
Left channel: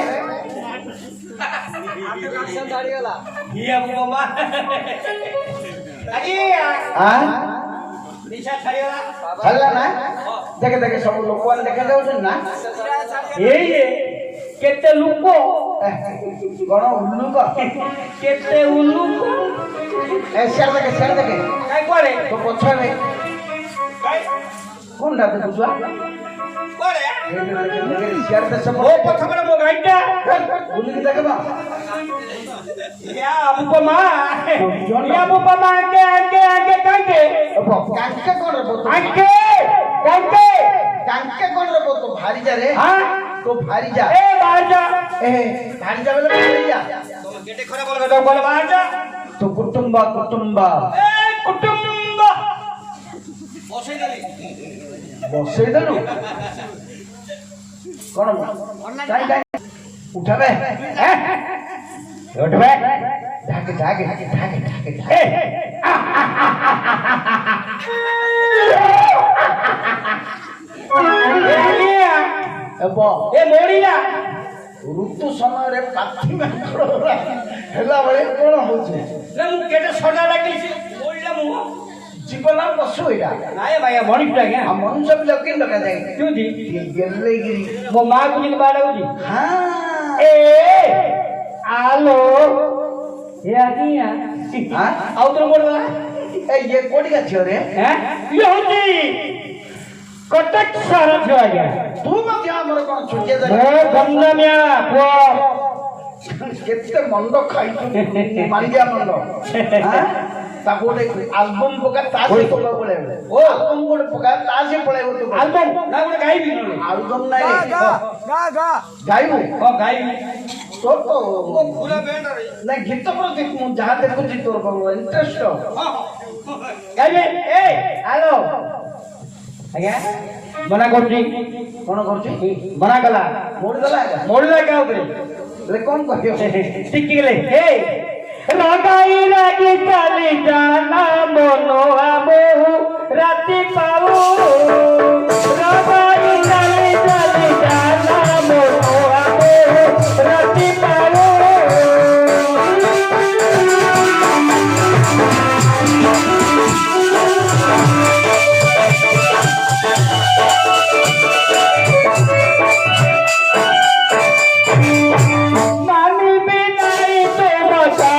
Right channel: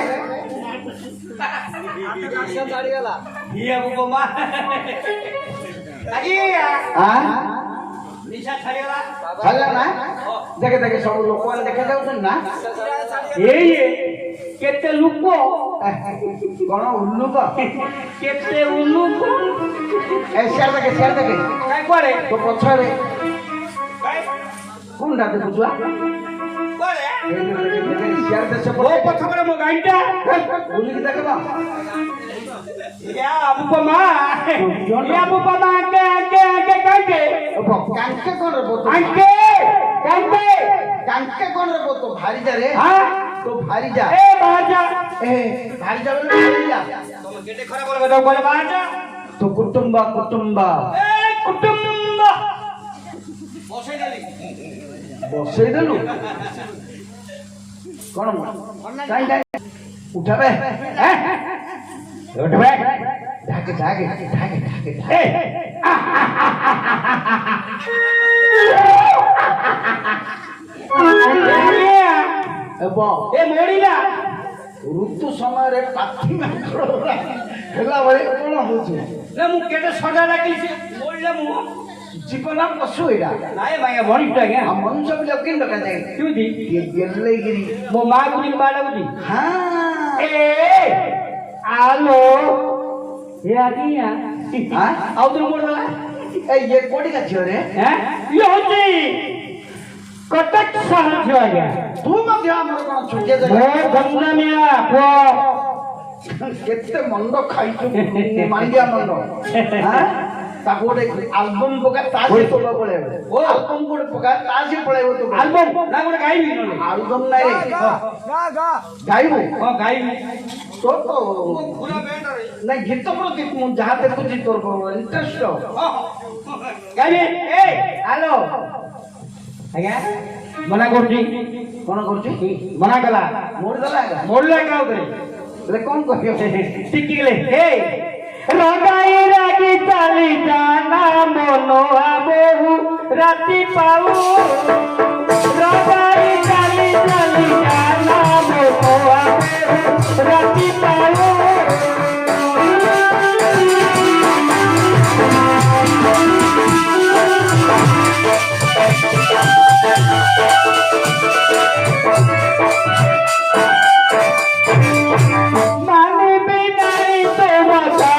ଇଏ ବୋମା ଆଜ୍ଞା ଆଁ? ନିଶା ଛାଡ଼ିଗଲା ଛାଡ଼ିଲା ନା? ଦେଖେ ଦେଖେ ସବୁ ଲୋକମାନେ ଦେଖା ଯାଉଛନ୍ତି ନା? ଏଇ କେତେ ଲୋକ କଣ ଉଲ୍ଲୁକ? କେତେ ଉଲ୍ଲୁକ ସିଆଡେ ଦେଖେ କାଇଁ କୁଆଡେ ତୋ ପଛରେ କାଇଁ କୋଣଟା ଦେଖୁଛୁ? କୁଆଡେ ସିଆଡେ ଦେଶ ମୋ ପଛରେ ମୋ ଗାଈଟା ବୁଲିକି ଦେଖ ୟା ବୋମା ୟା ବୁପମା ଆଙ୍କେ କାଙ୍କେ କାଙ୍କେ କଣ ରେ ବୋତ? ଆଙ୍କେ କାଙ୍କେ କାଙ୍କେ କଣ ରେ ବୋତ? ଭାରିଜା ରେ ହଁ ତୋ ଭାରିଜା ଏ ବାଜା ଏ ଭାରିଜା ବୋଲେ ଭାରିଜା ତମ କେତେ ଖରାପ ବୋଲବେ ତ ବୋଲ ବାଜା ତୋ କୁଟୁମ୍ବା ଏ କୁଟୁମ୍ବ ବସେଇ ଦେଲି ବସେଇ ଦେଲୁ କଣ କାଇଁ ଉଠାବେ ଉଠବେ ଢାକେ ଏ ହେବ ଏ ମୋଡ଼ିଲା ଋତୁ ସମୟରେ ପାଖି ମାଙ୍କଡ ହେଲା ବେଳେ କଣ ହଉଛି? ନା ମୁଁ କେତେ ସଜା ଡାକିଲି ମୋଡ଼ିଲା ମୁଁ ଜୀବନ ପଶୁ ଏଇଟା ନାଇଁ ଭାଇ ମଣିଷଟା ଆଜ୍ଞା ଆଉ ମଣିଷ ପିଲା କେମିତି ଡକାଯାଏ? କେମିତି ଗେଲେଗିରି ମୋ ମା ବୁଝିକି ବାହା ଲାଗୁଛି ହଁ ଏ ଆଲୋ ଏ ଆଜ୍ଞା ହଁ? ଆଉ ତୋର ମୋଡ଼ିଦେଲା ଏ ଇଏ କୋଉଠିକା ଝିଅ ରେ? ଇଏ ହଉଛି କଟକ ସହର ଝିଅ ଆଜ୍ଞା ତୁ ମଧ୍ୟ ଆମର କଣ ଛୋଟିଆ ମୋ ଜାଗା ଗଞ୍ଜାମିଆ ପୁଅ କେତେ ମଣ୍ଡ ଖାଇଛୁ ମାଣ୍ଡିଆ ମଣ୍ଡ ହଁ? ତାକୁ ଗୋଟେ ଆଲବମ ପକା ତା ସହିତ ପଳେଇବ ଆଲବମ ଗୋଟେ ପକା ତା ସହିତ ପଳେଇବ ତୁ ଆଲବମ୍ ନା ଗୋଟେ ଗାଇବି ନହେଲେ ଆଲବମ ନାଇଁ ଗା ଗା ଗାଇବୁ ହଁ ଗାଇବି ତୋର ତ ପୁରା ବେଣ୍ଡରେ ନାଇଁ ଗୀତ ପ୍ରତି ମୁଁ ଯାହା ଦେଖୁଛି ତୋର ଇଣ୍ଟରେଷ୍ଟ ଗାଇବି ଏ ହ୍ୟାଲୋ ଆଜ୍ଞା ମନା କରୁଛି କଣ କରୁଛି? ମନା କଲା ମୋଡି ଦେଲା ଏକା ମୋଡ଼ିଲା କାଉରେ ହେଲେ କଣ କହିବ? ଟିକିଲେ ଏ ରଗାଇ ରାଗି ଚାଲି ଜାନା ମନ ବହୁ ରାତି ପାଉ ରଗାଇ ଚାଲି ଚାଲି ଜାନା ମନ ବହୁ ରାତି ପାଉ ମାନିବି ନାହିଁ ତୋ କଥା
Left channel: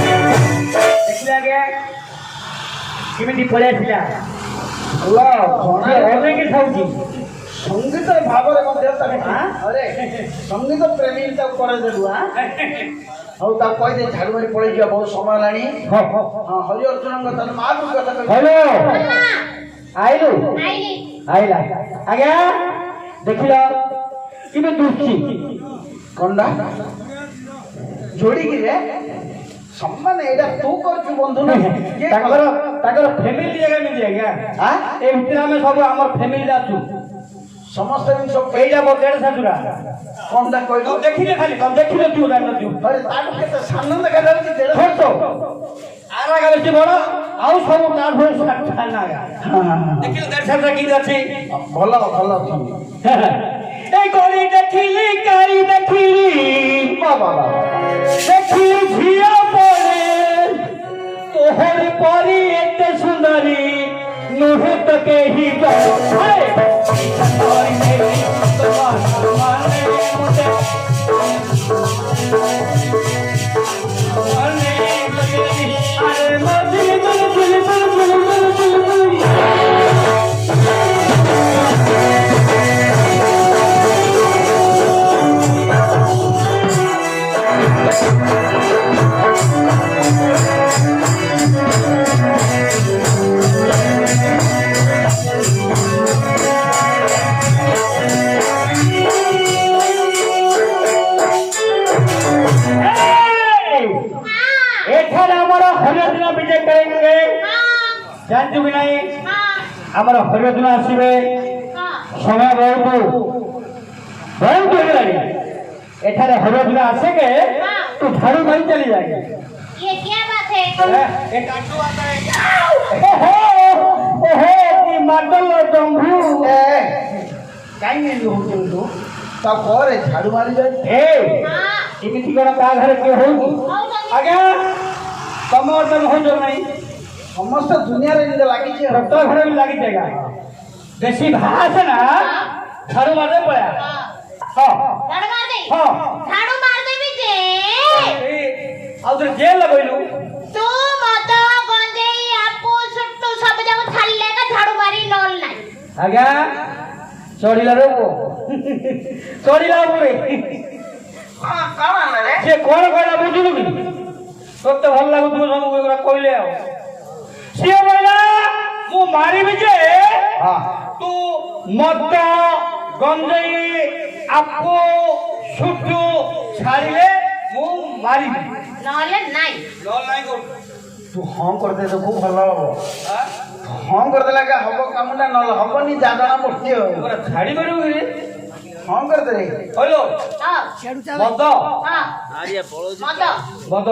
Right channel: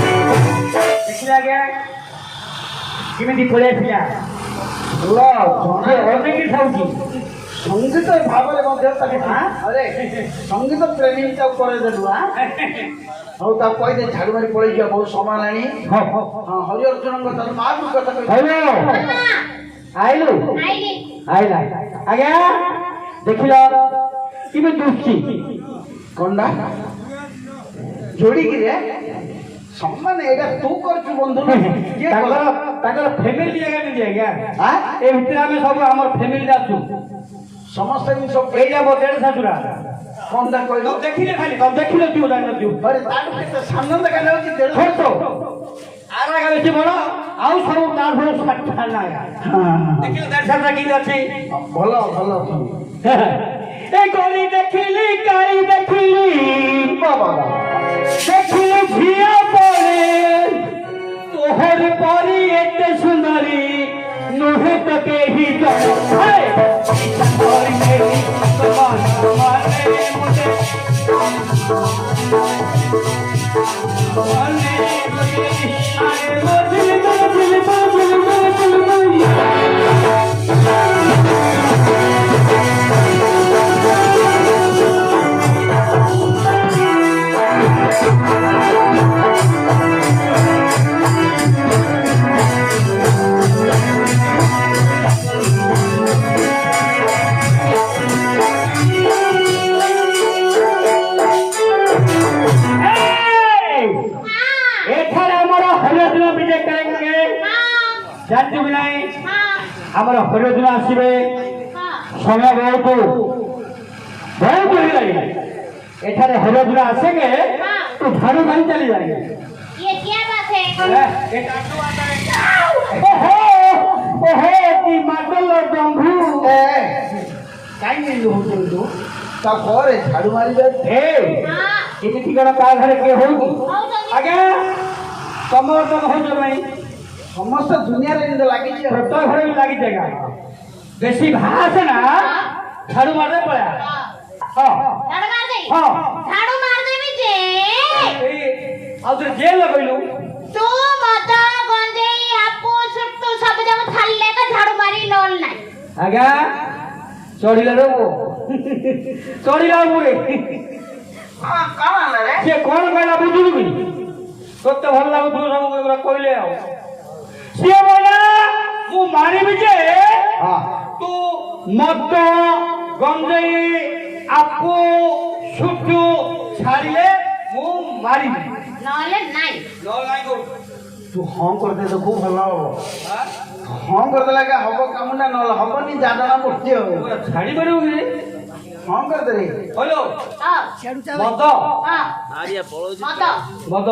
ଦେଖିଲେ ଆଜ୍ଞା କେମିତି ପଳେଇ ଆସିଲା ଅନେକ ଖାଉଛି ସଙ୍ଗୀତ ଭାବରେ ମଧ୍ୟ ତାକୁ ଆରେ ସଙ୍ଗୀତ ପ୍ରେମୀ ତାକୁ କରେଇ ଦେଲୁ ହଉ ତାକୁ କହିଦେ ଝାଡୁ ମାରି ପଳେଇ ଯିବା ବହୁତ ସମୟ ହେଲାଣି ହଁ ହରି ଅର୍ଜୁନଙ୍କ କଥା ମା କୁ କଥା କହିଲି ହ୍ୟାଲୋ ଆଇଲୁ ଆଇଲି ଆଇଲା ଆଜ୍ଞା ଦେଖିଲ କେମିତି ଦୁଃଖୀ କଣ୍ଡା ଯୋଡିକିରି ସମ୍ମାନ ଏଇଟା ତୁ କରୁଛୁ ବନ୍ଧୁ ନା କିଏ ତାଙ୍କର କଲା? ତାଙ୍କର ଫ୍ୟାମିଲି ଜାଗା ନେଇଛି ଆଜ୍ଞା ଆଁ? ଏ ଭିତରେ ଆମେ ସବୁ ଆମର ଫ୍ୟାମିଲି ଅଛୁ ସମସ୍ତେ ଜିନିଷ ଏଇଟା ମୋ ଦେଢ଼ ଶାଶୁରା କଣ୍ଡା କହିଲୁ ଦେଖିଲେ ଖାଲି ତମେ ଦେଖିନଥିବ ଜାଣିନଥିବ ଆରେ ତାଠୁ କେତେ ସାନ ଦେଖାଯାଉଛି ଦେଢ଼ ଛୋଟ ଆରା ବେଶୀ ବଡ ଆଉ ସବୁ ତାଠୁ ଷାଠିଏ ନାଗା ଦେଖିଲେ ଦେଢ଼ କି ଅଛି ଭଲ ଭଲ ଅଛନ୍ତି ଏ ଗଳି ଦେଖିଲି ଗାଈ ଦେଖିଲି ବାବା ଦେଖିଲି ଝିଅ ପଡ଼େ ତୋହର ପରି ଏତେ ସୁନ୍ଦରୀ ନୁହେଁ ତ କେହି जानचु कि नहीं आमर हरिदिन आसवे समय बहुत बहुत एठारे हरिदिन आसे के तू झाड़ू नहीं चली जाएगी ये क्या बात है एक आटू आता है ओहो की माडल जंभू काई नहीं हो तू ता करे झाड़ू मारी जाए ए एमिति कोन का घर के होगी आगे कमर दम हो जो नहीं समस्त दुनिया रे इधर लागी छे छोटा घर में लागी जाएगा बेसी भास ना झाड़ू मारने पड़ा हां झाड़ू मार दे हां झाड़ू मार दे भी दे ए आउतर जेल लगइलु तू मत गंजेई आपू सुट्टू सब जब थाले का झाड़ू मारी नॉल नाही आगा चढ़िला रे वो चढ़िला पूरे हां काला रे से कोन कहला बुझुलु कि कते भल लागु तू सब एगरा कहले आ से बोला मु मारी भी जे हां तू मत गंजेई आपू सुट्टू छाड़िले मु मारी नॉले नाही नॉल नाही को तू हां कर दे तो खूब भलो हो हां कर दे लगा हबो कामना न हबनी जाना मूर्ति हो छाड़ी मारू कि हां कर दे रे हेलो हां बद हां ଆରିଆ ପଳଉଛି बद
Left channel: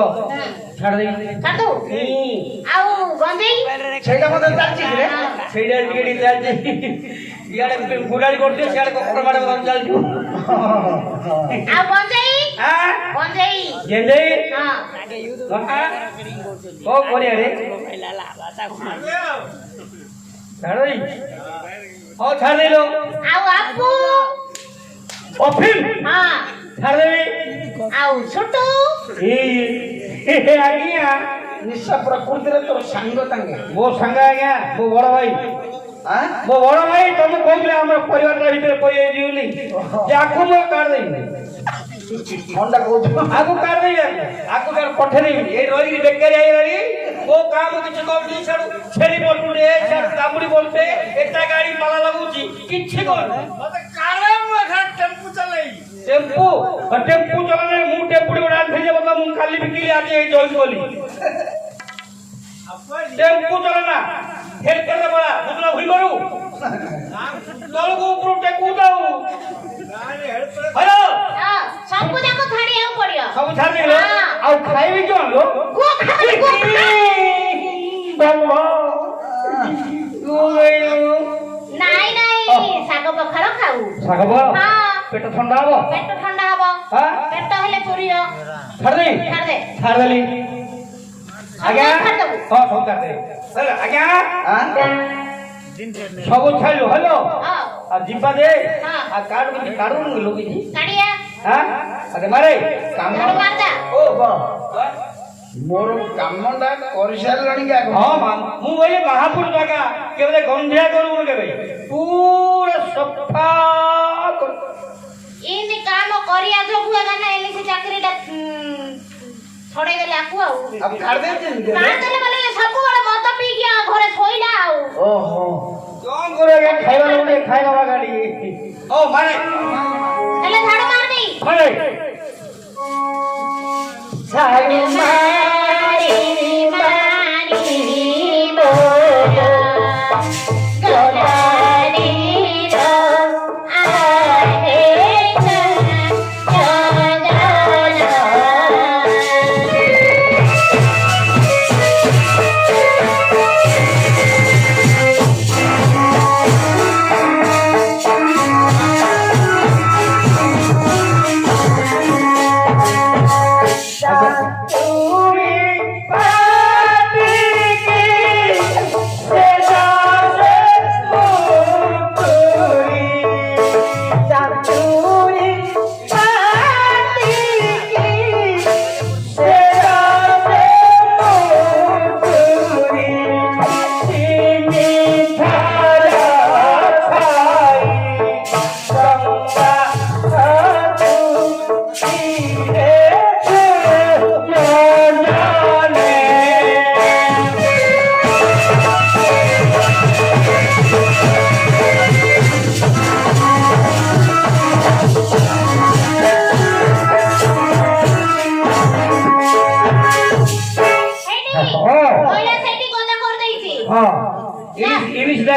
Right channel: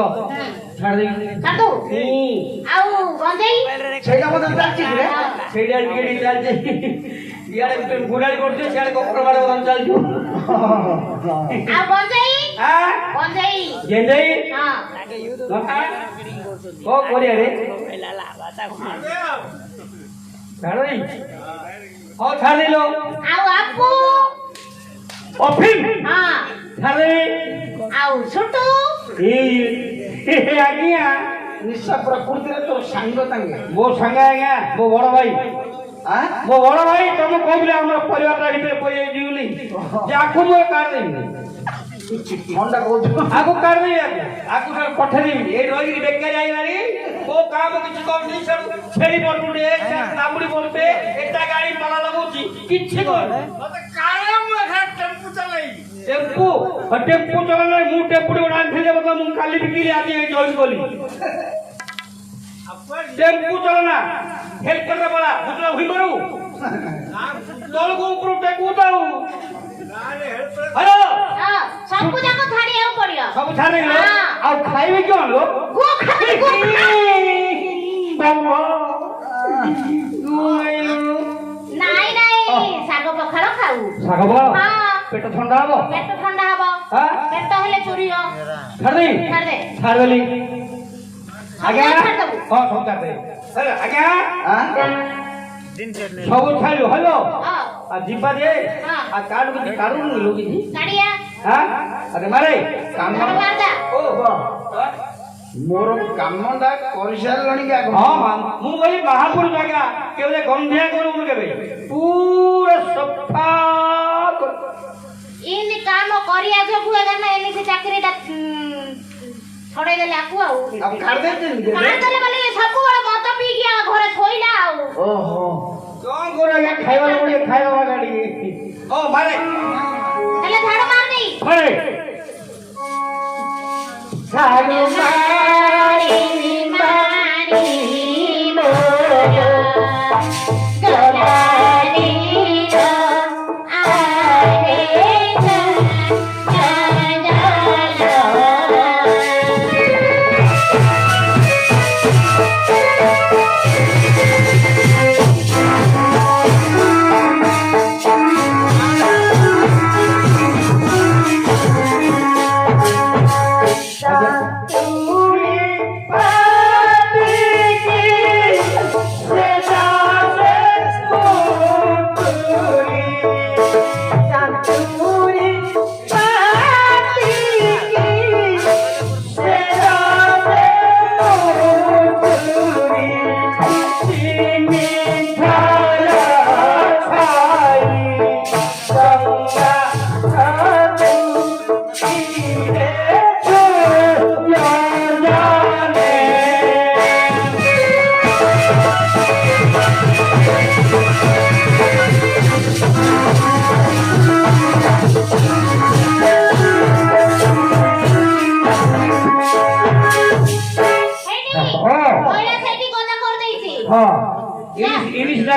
छाड़ दे କାଟୁ ଆଉ ଗଞ୍ଜେଇ ସେଇଟା ମତେ ଜାଣିଛି ରେ ସେଇଟା ଟିକେ ଚାଲ ଯାଇ ଇଆଡେ ଗୁଡାଡି କରୁଛେ ସିଆଡେ କପଡ ମାଡ ବଦଳ ଚାଲିଛୁ ଆଉ ଗଞ୍ଜେଇ ଆଁ ଗଞ୍ଜେଇ ଗେଣ୍ଡେଇ ହଁ ଲଙ୍କା ଓ କୋରିଆ ରେ ଛାड़ ଦେଇ ଆଉ ଛାड़ ଦେଇ ଆଉ ଆପୁ ଅଫିମ ହଁ ଛାड़ ଦେଇ ଆଉ ଛୁଟୁ ଏ ଆଜ୍ଞା ନିଶା ପ୍ରକୃତି ରେ ତୋର ସାଙ୍ଗ ତାଙ୍गे ମୋ ସାଙ୍ଗ ଆଜ୍ଞା ମୋ ବଡ ଭାଇ ଆଁ ମୋ ବଡ ଭାଇ ତମେ କହୁଥିଲେ ଆମ ପରିବାର ଭିତରେ ପଇଯାଇଛି ବୋଲି ଯାକୁ ମୁଁ କାଢ ଦେବି ମଣ୍ଡା କହୁଛୁ ଆକୁ କାଢ ଦେବି ଆକୁ କାଢ ପଠେଇ ଦେବି ଏଇ ରହିକି ବେକାରୀ ହେଇଗଲି ଓ କାମ କିଛି କରୁନି ସାଡୁ ଛେଳି ପଡୁଛେ ଦାବୁଡି ପଡୁଛେ ଏଟା ଗାଡି ପାଲା ଲାଗୁଛି କିଛି କରୁନି ମତେ କାଳେ ମୁଁ ଏখানে টেম্পু ଚଲେଇ টেম্পু টেম্পু চলালে ମୁଁ টেম্পুটি ଗୋଟେ ଆଣିଥିଲି ବୋଲେ ମୁଁ କାଲି ବିକିଲି ଆଜି ଏଇ ଜଏନ୍ କଲି টেম্পু চলে না হেড করতে পারা বুঝলা ভুল করু তলକୁ ଉପରୁ ଟେକୁ ଦଉ ହ୍ୟାଲୋ ହଁ ସବୁ ଯାକ ଛାଡିବାକୁ ପଡିବ ସବୁ ଛାଡ଼ିଗଲେ ଆଉ ଖାଇବେ କି ଆଣିଲ ଗୋ ଖାଇ ଗୋ ନାଇଁ ନାଇଁ ଶାଗ ପଖାଳ ଖାଉ ଶାଗ ବଳ ହଁ ପେଟ ଥଣ୍ଡା ହବ ପେଟ ଥଣ୍ଡା ହବ ହଁ ପେଟ ହେଲେ ଚୁରିବ ଛାଡ଼ିଦେଇ ଛାଡ ଦେ ଛାଡ଼ିଦେଲି ଆଜ୍ଞା ଛାଡ଼ିଦେବୁ। ହଁ ସବୁ ଛାଡ଼ିଦେବି ହେଲା ଆଜ୍ଞା ଆଁ ସବୁ ଛାଡ଼ିଲୁ ହ୍ୟାଲୋ ହଁ ଆଉ ଯିବା ଦେ ହଁ। ଆଉ କାର୍ଡ କିଛି କାଢୁନୁ ଲୋ କିଛି କାଢିଆ ହଁ ଆରେ ମାରେ କାମ ଝାଡୁ ମାରଦା ଓ ବ ମୋର କାମଟା କରିସାରିଲଣି କି ଆଗ ହଁ ମୁଁ କହିଲି ମହାପୁର ଜାଗା କେବେ ଗନ୍ଧିଆ କରୁନୁ କେବେ ପୁରା ସଫା ଇନି କାମ କରିବା ଯୋଗୁ ଏନା ଏମିତି ଚାକିରିଟା ଛଡେଇ ଦେଲେ ଆକୁ ଆଉ ଆଉ କାଢି ଦେଇଛନ୍ତି କି କାଢିଦେଲେ ମାନେ ସବୁବେଳେ ମଦ ପିଇକି ଆଉ ଘରେ ଶୋଇଲା ଆଉ ଓହୋ କଣ କରିବା ଖାଇବା ଲୋକ ଖାଇବା ଗାଡି ଓ ମାରେ ହେଲେ ଝାଡୁ ମାର ଦେଇ ମାରେ ଝାଡୁ ମାରି ମାରି ମୋରା ଗଲାଣିର ଆରେ ଜଗା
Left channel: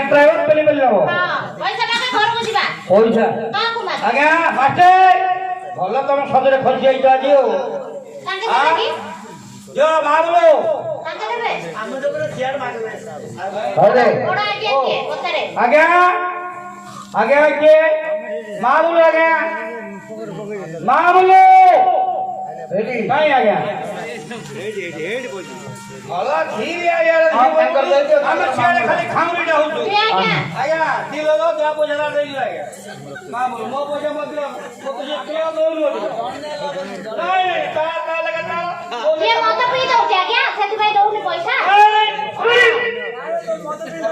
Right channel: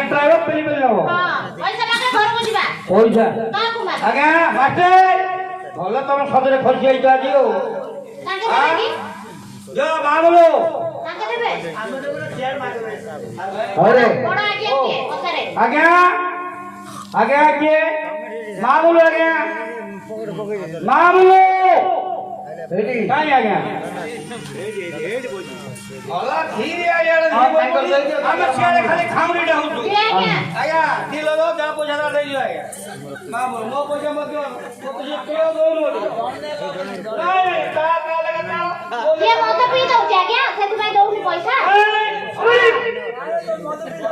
ट्राइवर पेली पेली लो पैसा मागे घर को जिबा पैसा काल को मागे आगे मास्टर भलो तुम सदरे फसी आई जा दियो कांगे मागे जो मांगलो कांगे देबे ଆମେ ତ ପୁରା शेयर ମାଗିବେ अरे बड़ा आगे के पतरे आगे आगे मांगलो आगे मांगलो रेडी काय आगे ଭଲ ଧୀରେ ଆଜ୍ଞା हम छेड़े खाली खाऊनी डाउ तू आगे ଆଜ୍ଞା କିଲୋ ଦो ଯା ପଇସା ଟା ଦେଇ ଦିଅ ଆଜ୍ଞା ମା ବୋଲ ମୋ ପଇସା ମତ ମୋ ପଇସା କିଲୋ ଦଉନ ନାଇଁ ତା ତା ଲଗା ତା ये मत पी दो क्या क्या सेतु भाई दउनी पैसा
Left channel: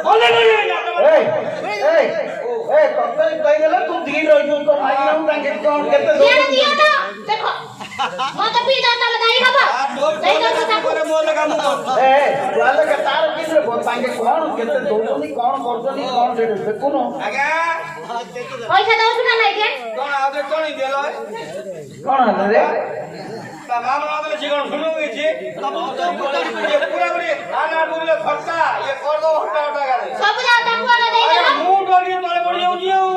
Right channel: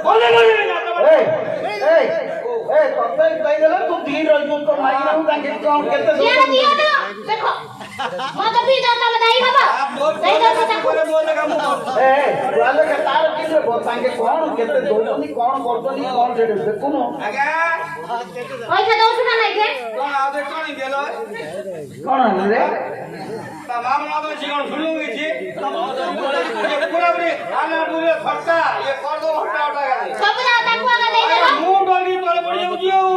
बोले बोले ना ଏ ତତେ ଦେଇଦେଲେ ତୁ ଧୀର ରହିବୁ ତ ମାଗିବୁ ତାଙ୍କେ କଣ କେତେ ये दियो ना देखो मत पी दो तले दाई हबा दई दो ताको ମୋ ଲଗା ମୁଁ ଏ ତାହେଲେ କେ ତାର କିରେ ତାଙ୍କେ କଣ କେତେ ଦଉଛନ୍ତି କଣ କରୁଛନ୍ତି କଣ ସେଠି ଦେଖୁନୁ ଆଜ୍ଞା पैसा दो ना नहीं के କଣ ଆବେ କଣ ଦେଲ କଣ ହେଲା ରେ ତା ମା ମନ ତ জীবন শুরু হয়েছে পুরা পুরি আনা পুরা খরচা ये कर दो हटा हटा गए सब जाओ ताको आना दे दो ମୁଁ ଡରି ତଳେ ପଡି ଯାଉଛି ଆଉ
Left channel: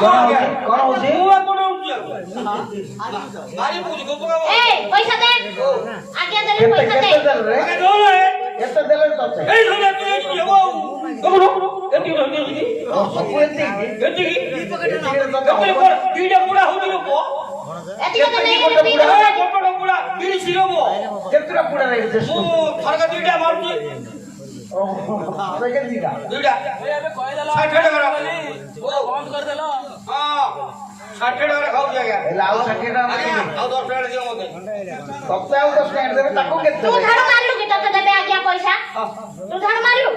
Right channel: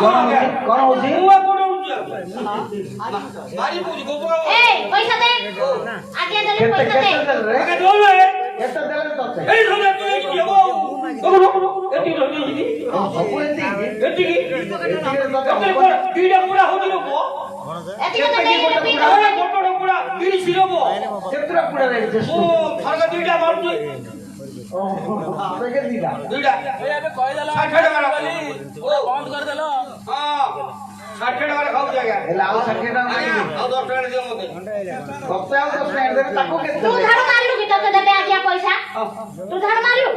କଣ ହଉଛି ମୁଁ ଆପଣ ମାରି ପୁଜି ଗୋପ ए पैसा दे आगे दे କେତେ पैसा କେତେ दे ଦେଲେ ରେ ଆগে ଦଉନ କେତେ ଦେଲେ ତତେ ଏଇ ଧମେ ତୁଇ ଯିବ ଏତି ଧମେ ଯିବି ସବୁ ଏତିକି ଏତି କି ଏତି କୋ ଦିଟା ପୁରା ହଉଚି ଲୋକ एती तो दे दे पी दो ଗୋପଟ ପୁରା ଦିରି ସିରବ କେତେଟା ପୁଡା ରହିଛି ମୁଁ ଫରକ ଦିଟା ମାରୁଛି କେତେ ଦିଟା ଦୁଇଟା ଏବେ କହିଦେଲ 60 ଟଙ୍କା ବୋଲି ଓ ବନ୍ଦ କରିଦେଲ ହଁ 60 ଟଙ୍କା ଖାଉଛି ଆଜ୍ଞା ହେଲେ ଆଉ 60 ଟଙ୍କା ଆଜ୍ଞା ମାଗିବି ଆଉ 10 ଟଙ୍କା ଦିଅ ମତେ ତତେ ଆଉ 10 ଟଙ୍କା ଦେବେ ତାକୁ କେତେ तू ଦେବେ झाड़ू मारलू कि तते देबे आगे पैसा तू झाड़ू मारलू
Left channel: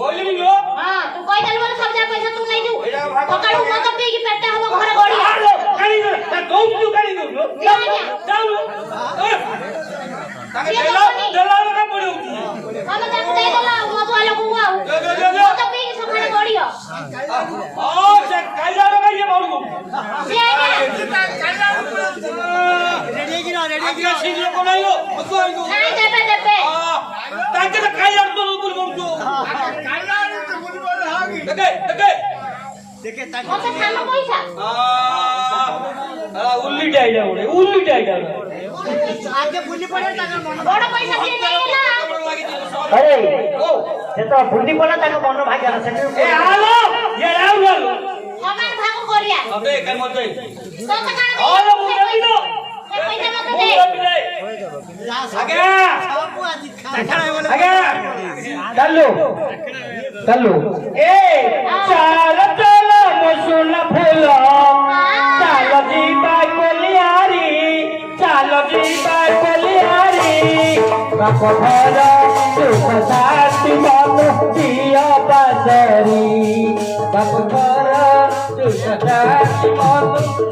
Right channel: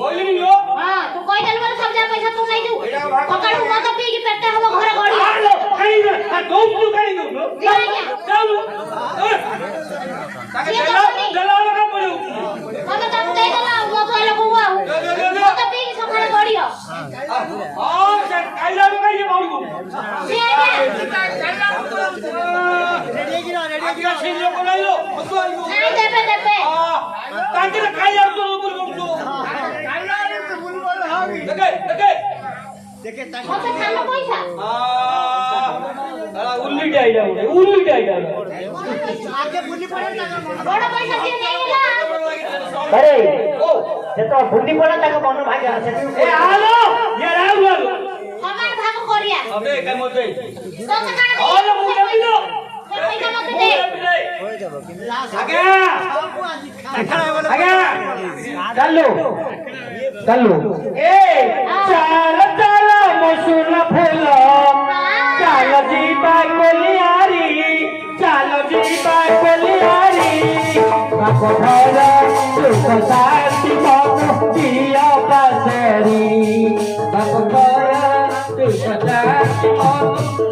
बोलिनी लो हां तू कहि देलु बोले सब जा पैसा तू नहीं दू एडा भाग सकाळू मत पी कि पेट हबो घर गड़ी आलो काई ना आ गौम तू काई दो चालू ताके देला का पड़ो हम ताको दे देला मत वाले को आउ मत पी कि सकाळ गड़ियो हां से काईला रो काई बोलू से आगे रेडी की ना रेडी की सिंह लोग नहीं लो नहीं देबे देबे हां ताके काईला तो ऊपर बोलू देखे मत खालो पैसा उल्ली डाइडा उल्ली डाइडा बड़ पैसा के नहीं होला अरे ओ से तो बुद्धि पड़ा तक मन भाग्य से ए आलो ये राव आलो समान भाग करिया अबे काय मते पैसा काढ दे आलो मुझे दिलो पैसा मत दे आगे आगे चलो ए चाल चाल मसूर फूल चाल जी बाकलियारी चाल जी बाकलियारी बाप घर सुख शांति मन दिया बाजारी बाप घर सुख शांति मन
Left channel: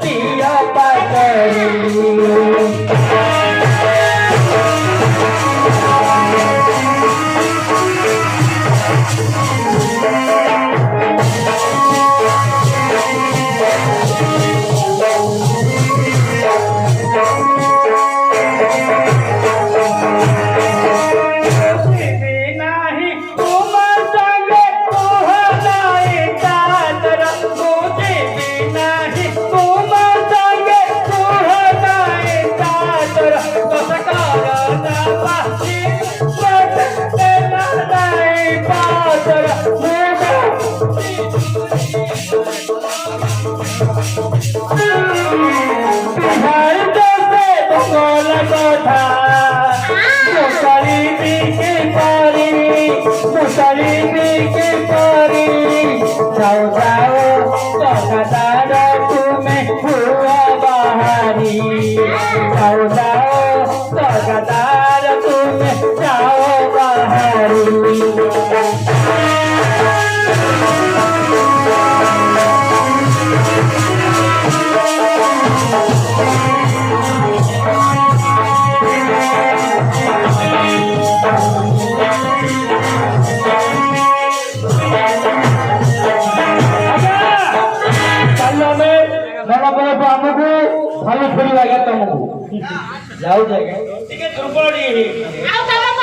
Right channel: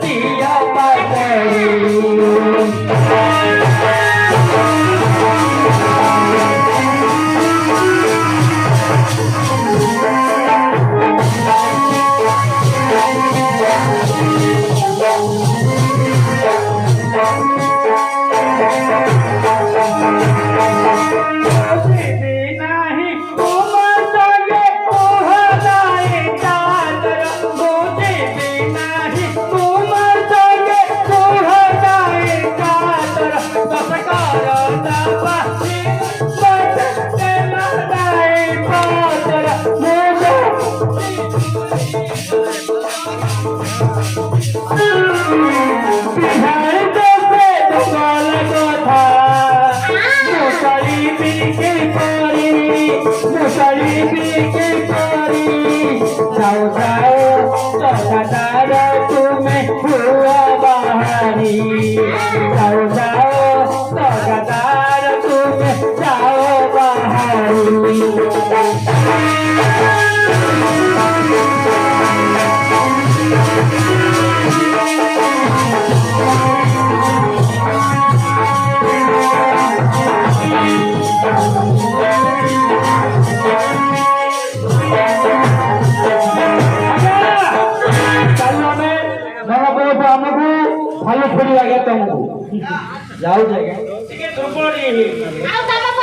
दिया बाजारी जाओ जाओ चौकादार तुम्हें हुआ बहारी जाओ जाओ चौकादार तुम्हें जाओ बहारी भले फुरी आगे तुमको जाओ जाएगा ठीक है दुर्बल आउ तम